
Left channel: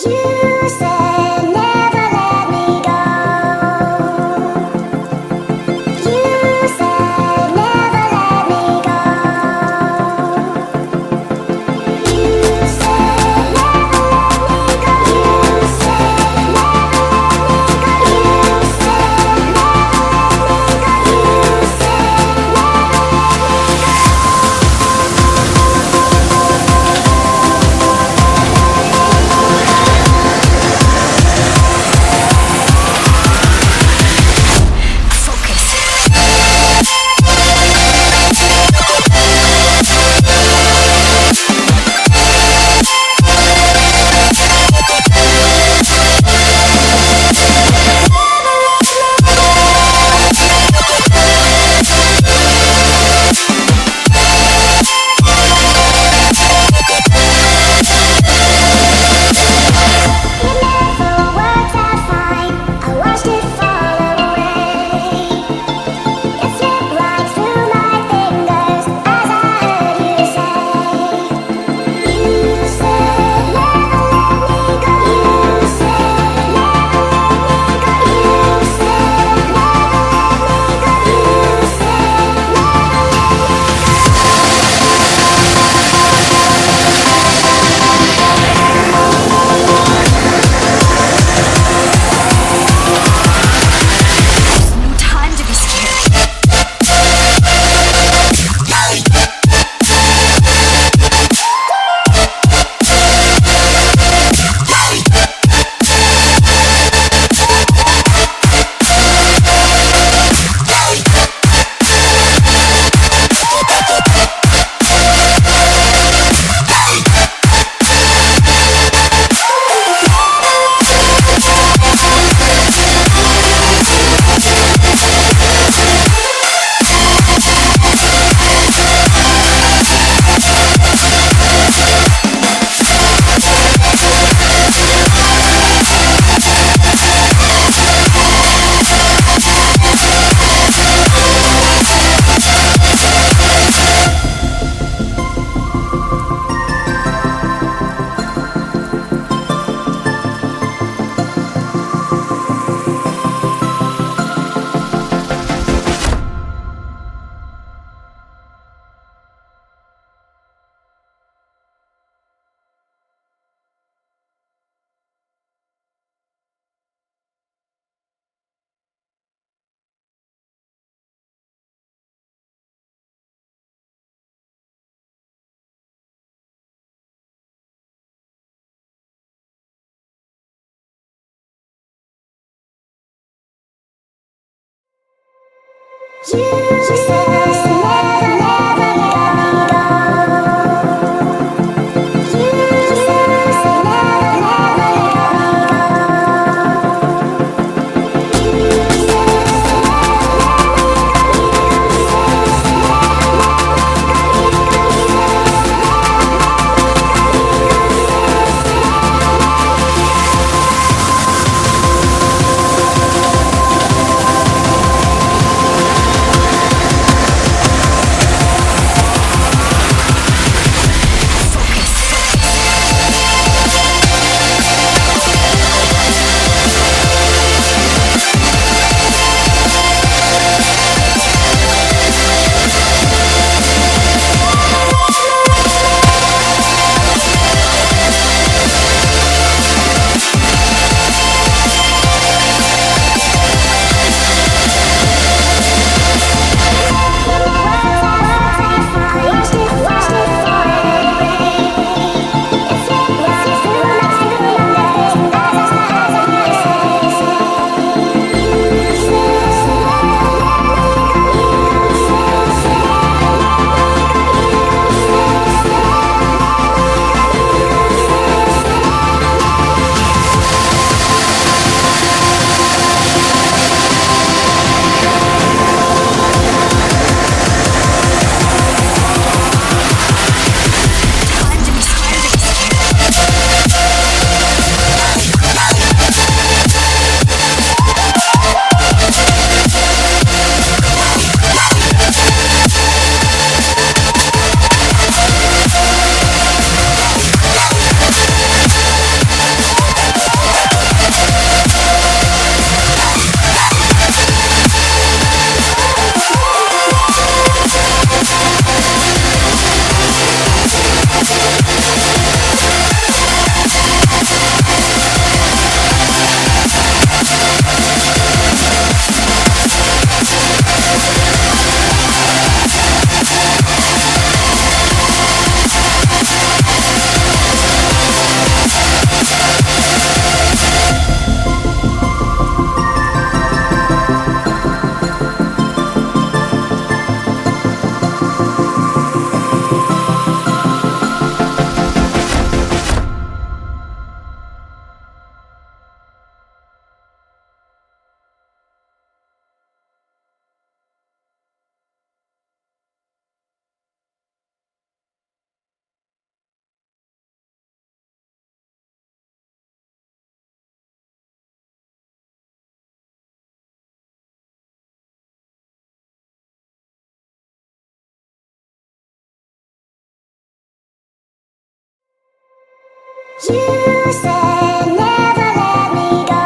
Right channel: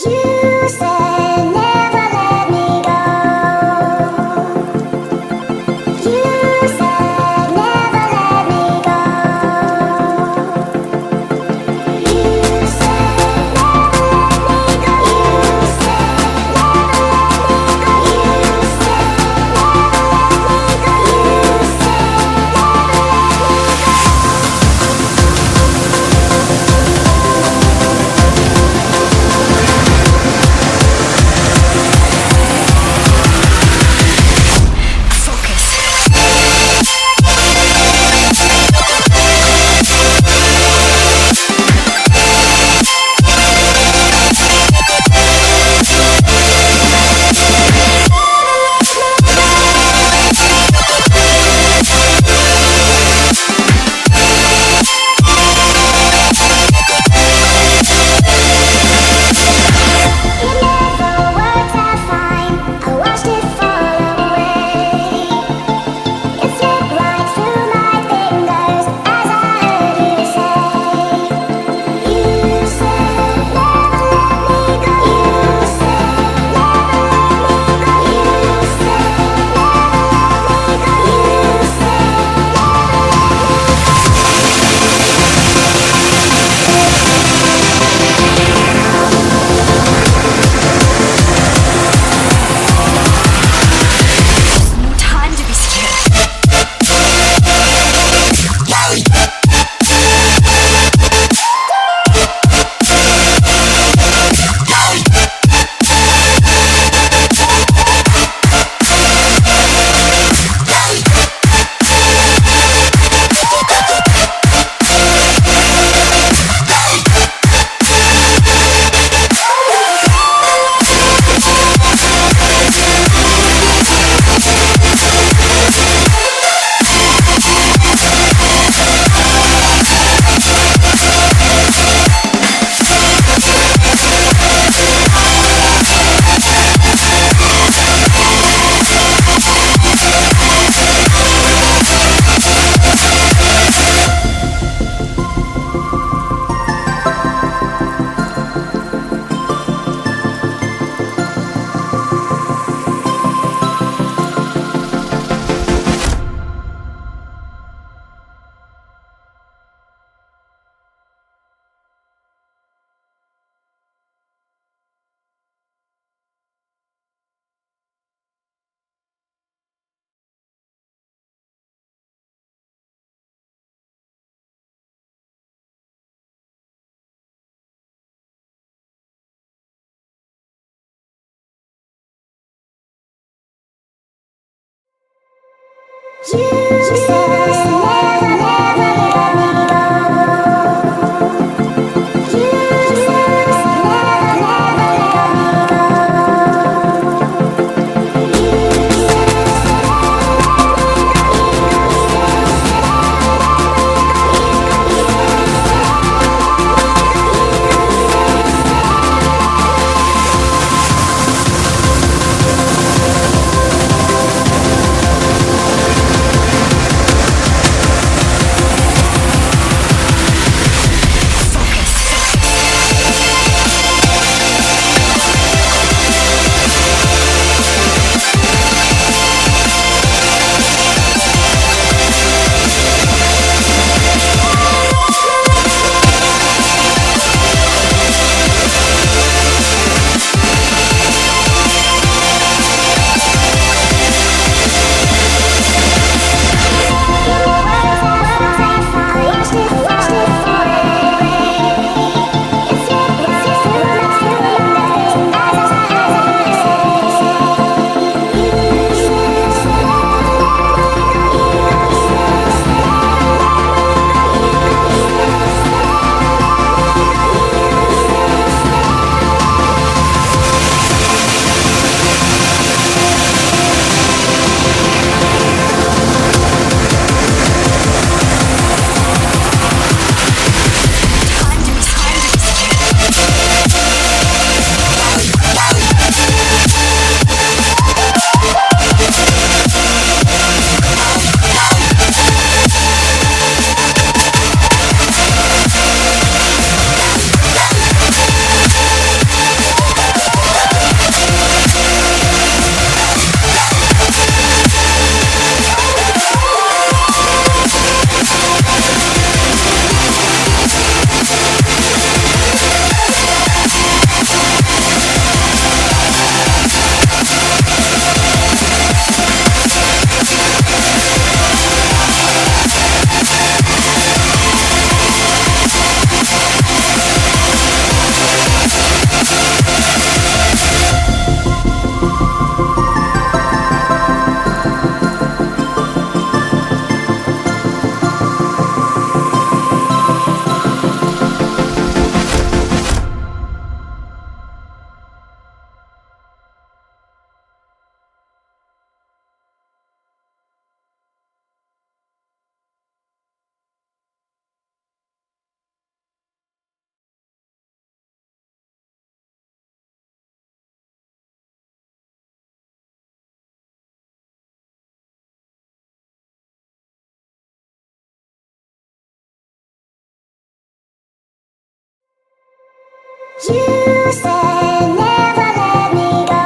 You said never let me go. You said never let me go. You said never let me go. You said never let me go. You said never let me go. You said it never worked out fine. I watched it fall away. It slipped right through my fingers as I heard you say. You said never let me go. You said never let me go. You said never let me go. You said There's no time to be scared. you said never, never let me go. You said never, never let me go. You said You said never let me go.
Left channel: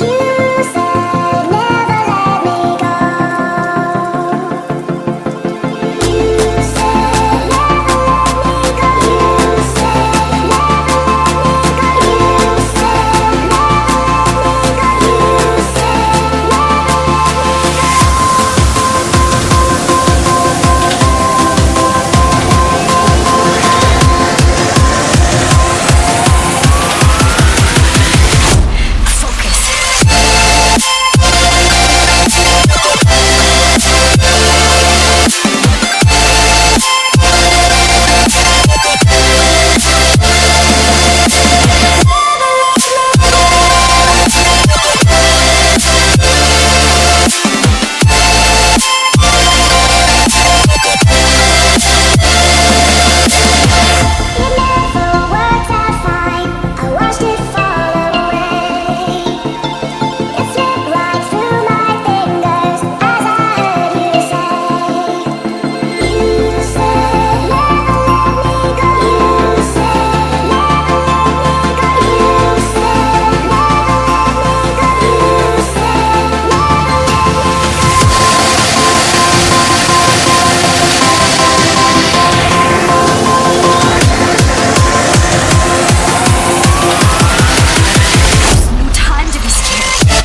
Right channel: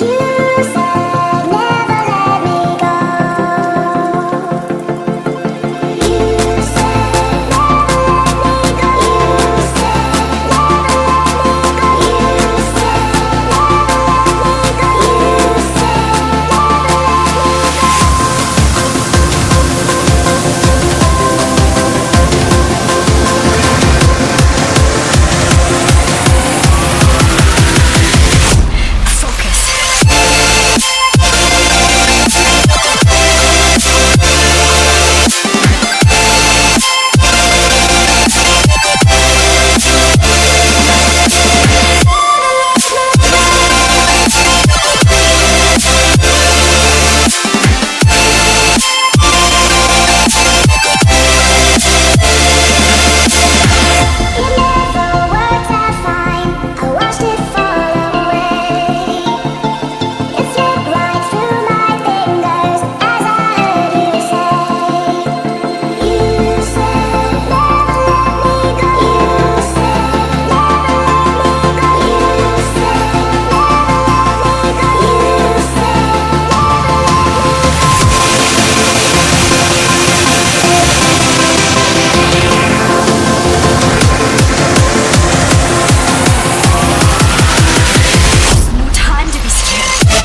You said never let me go. You said never let me go. You said never let me go. You said never let me go. You said it never worked out fine. I watched it fall away. It slipped right through my fingers as I heard you say. You said never let me go. You said never let me go. You said never let me go. You said No time to be scared.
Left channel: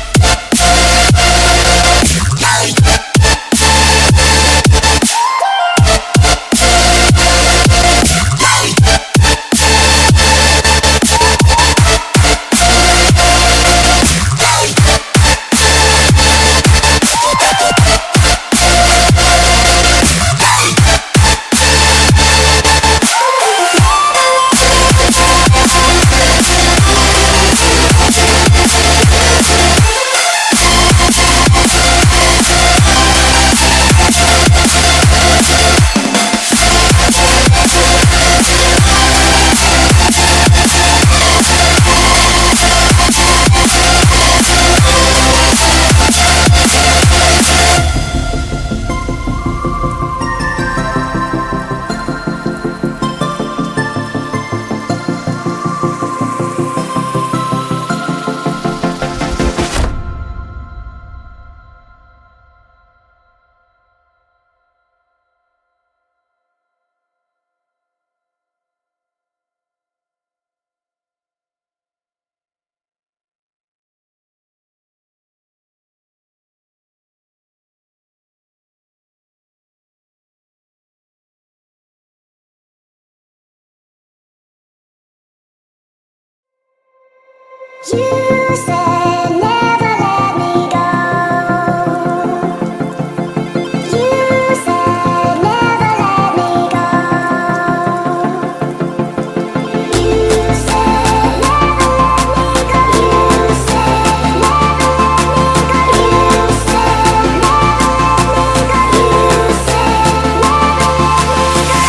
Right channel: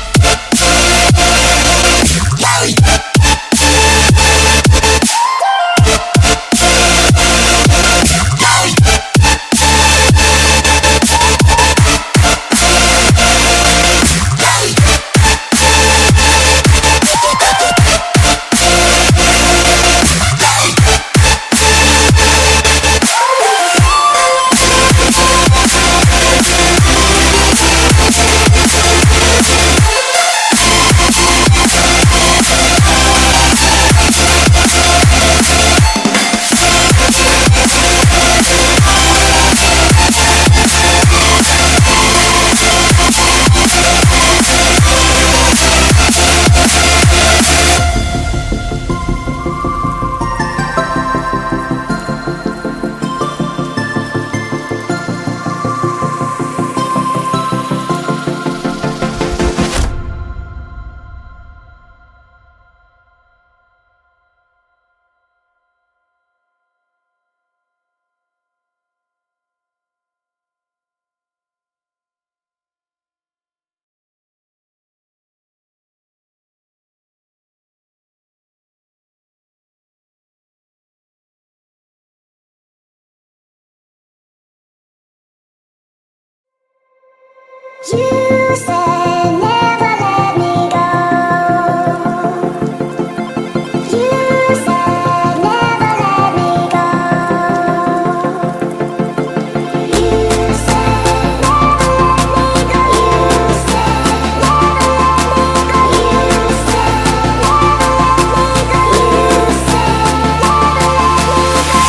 You said never let me go. You said never let me go. You said never let me go. You said never let me go. You said never let me go. You said never let me go.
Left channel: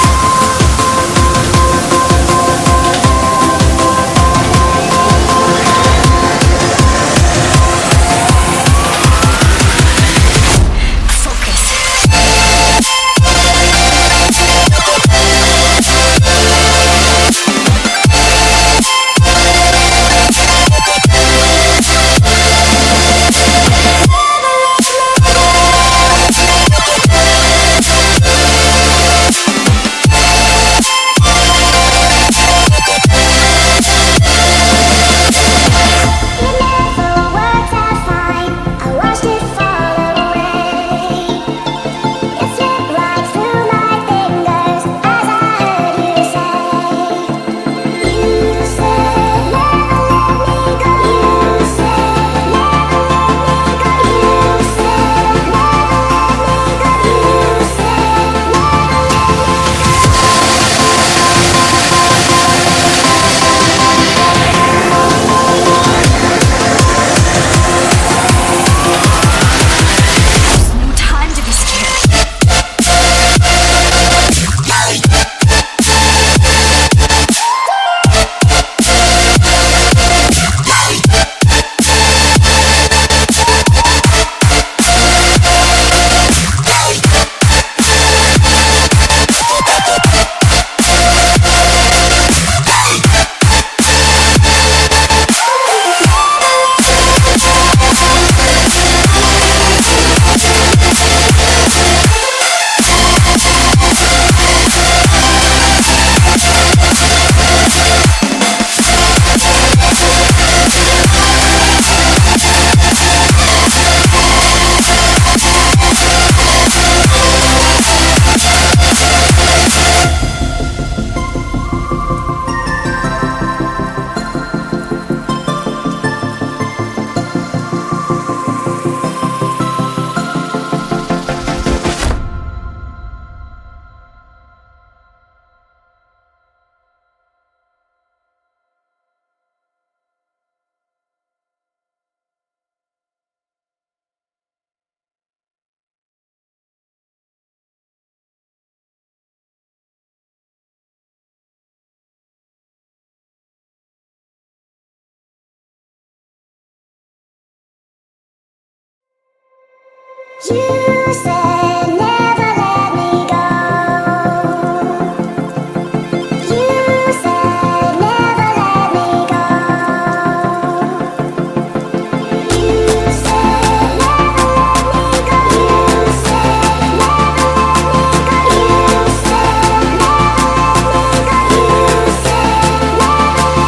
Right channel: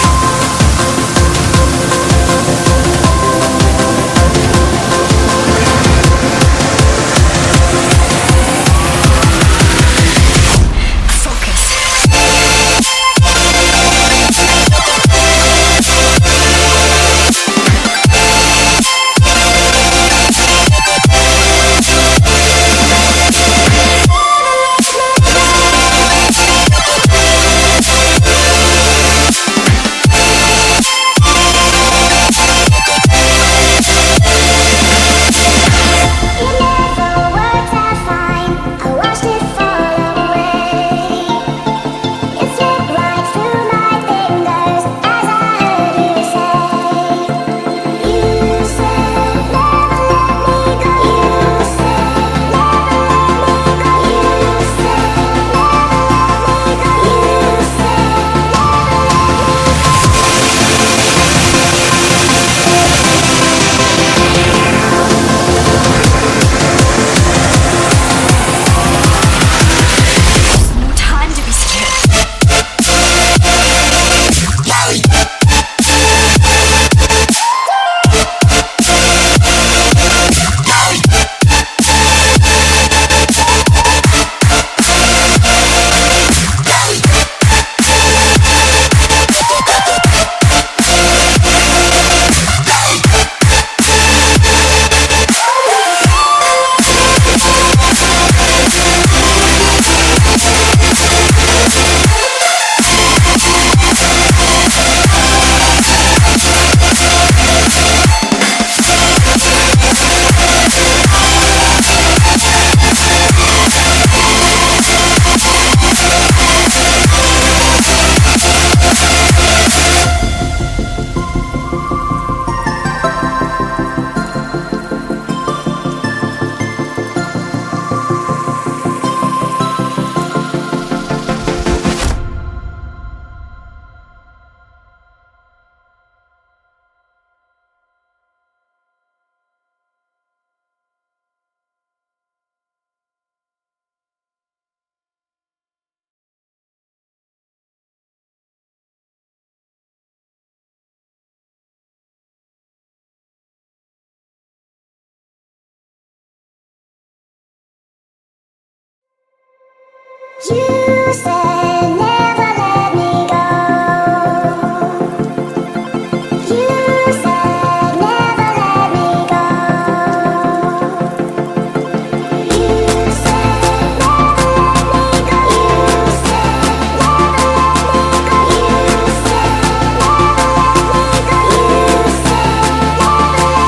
You said never let me go. You said never let me go. You said never let me go. You said never let me go. You said never let me go. You said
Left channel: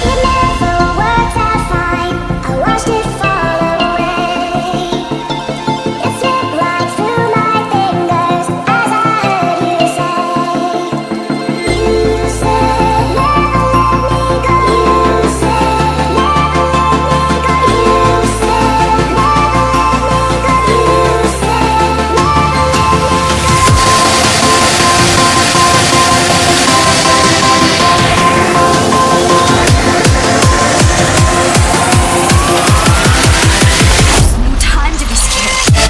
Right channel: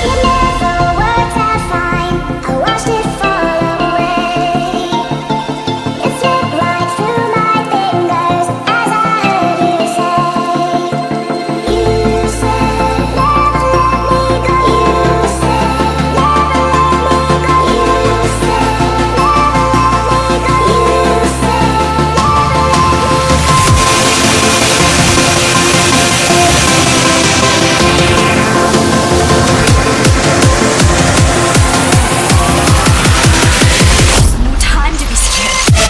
it never worked out fine. I watched it fall away. It slipped right through my fingers as I heard you say. You said never let me go. You said never let me go. You said never let me go. You said No time to be scared.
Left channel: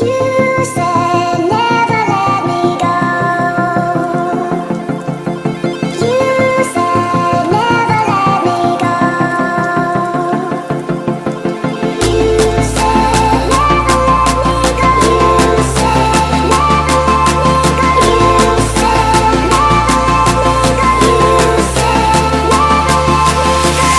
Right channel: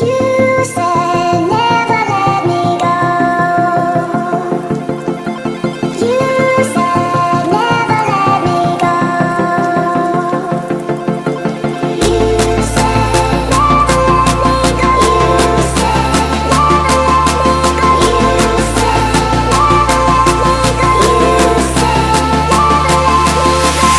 you said never let me go. You said never let me go. You said never let me go. You said never let me go. You said never let me go. You said never let me go.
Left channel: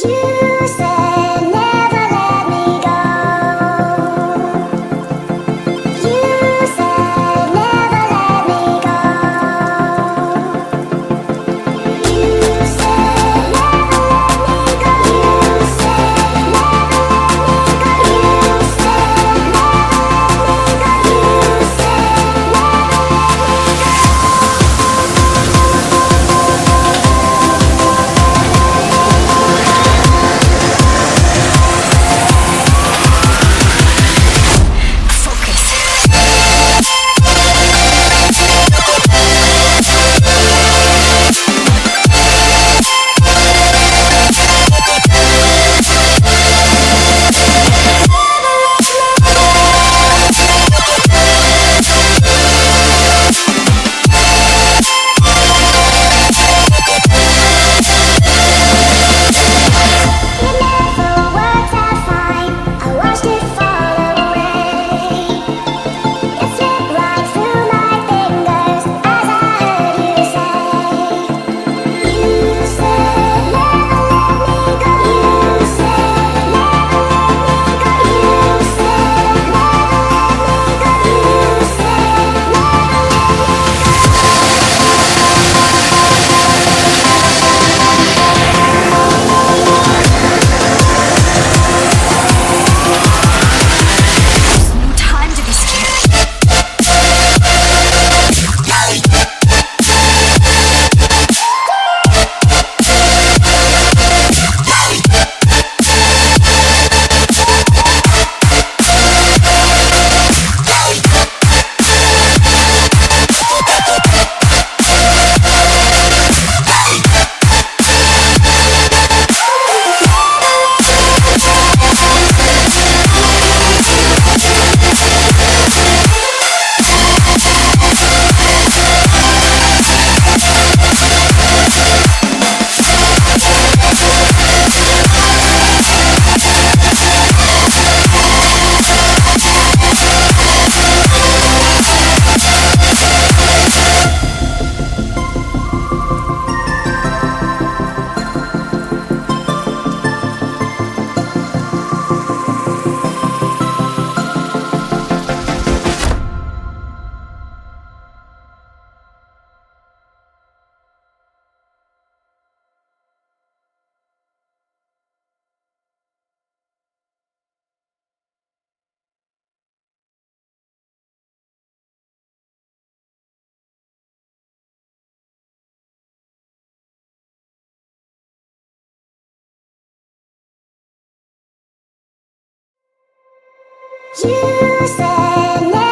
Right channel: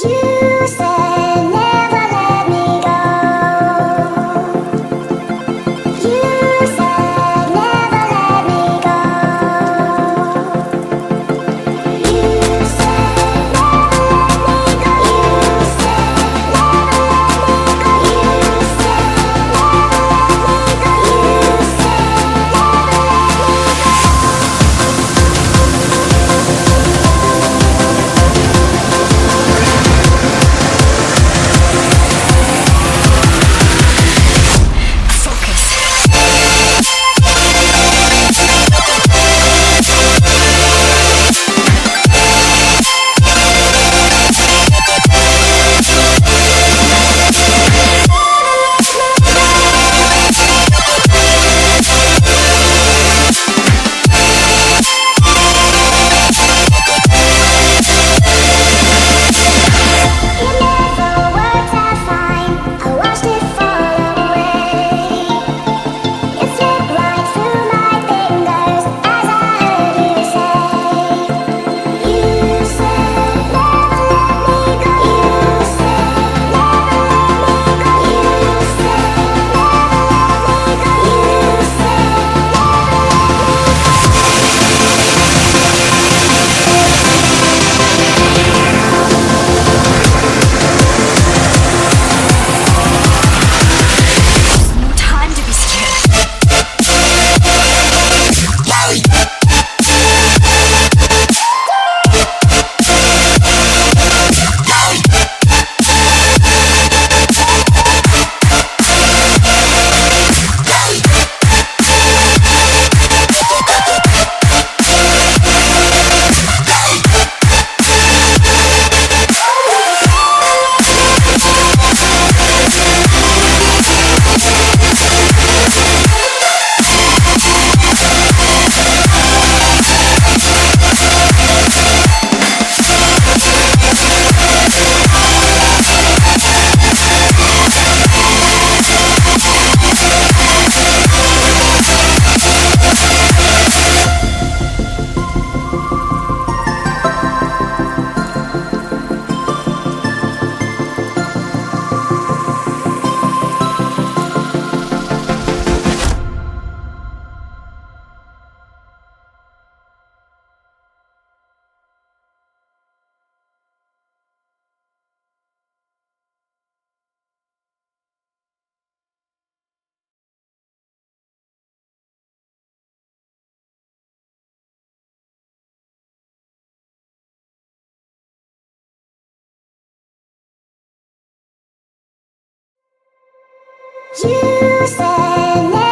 You said never let me go. You said never let me go. You said never let me go. You said never let me go. You said never let me go. You said never let me go. It never worked out fine. I watched it fall away. It slipped right through my fingers as I heard you say. You said never let me go. You said never let me go. You said never let me go. You said No time to be scared. you said never.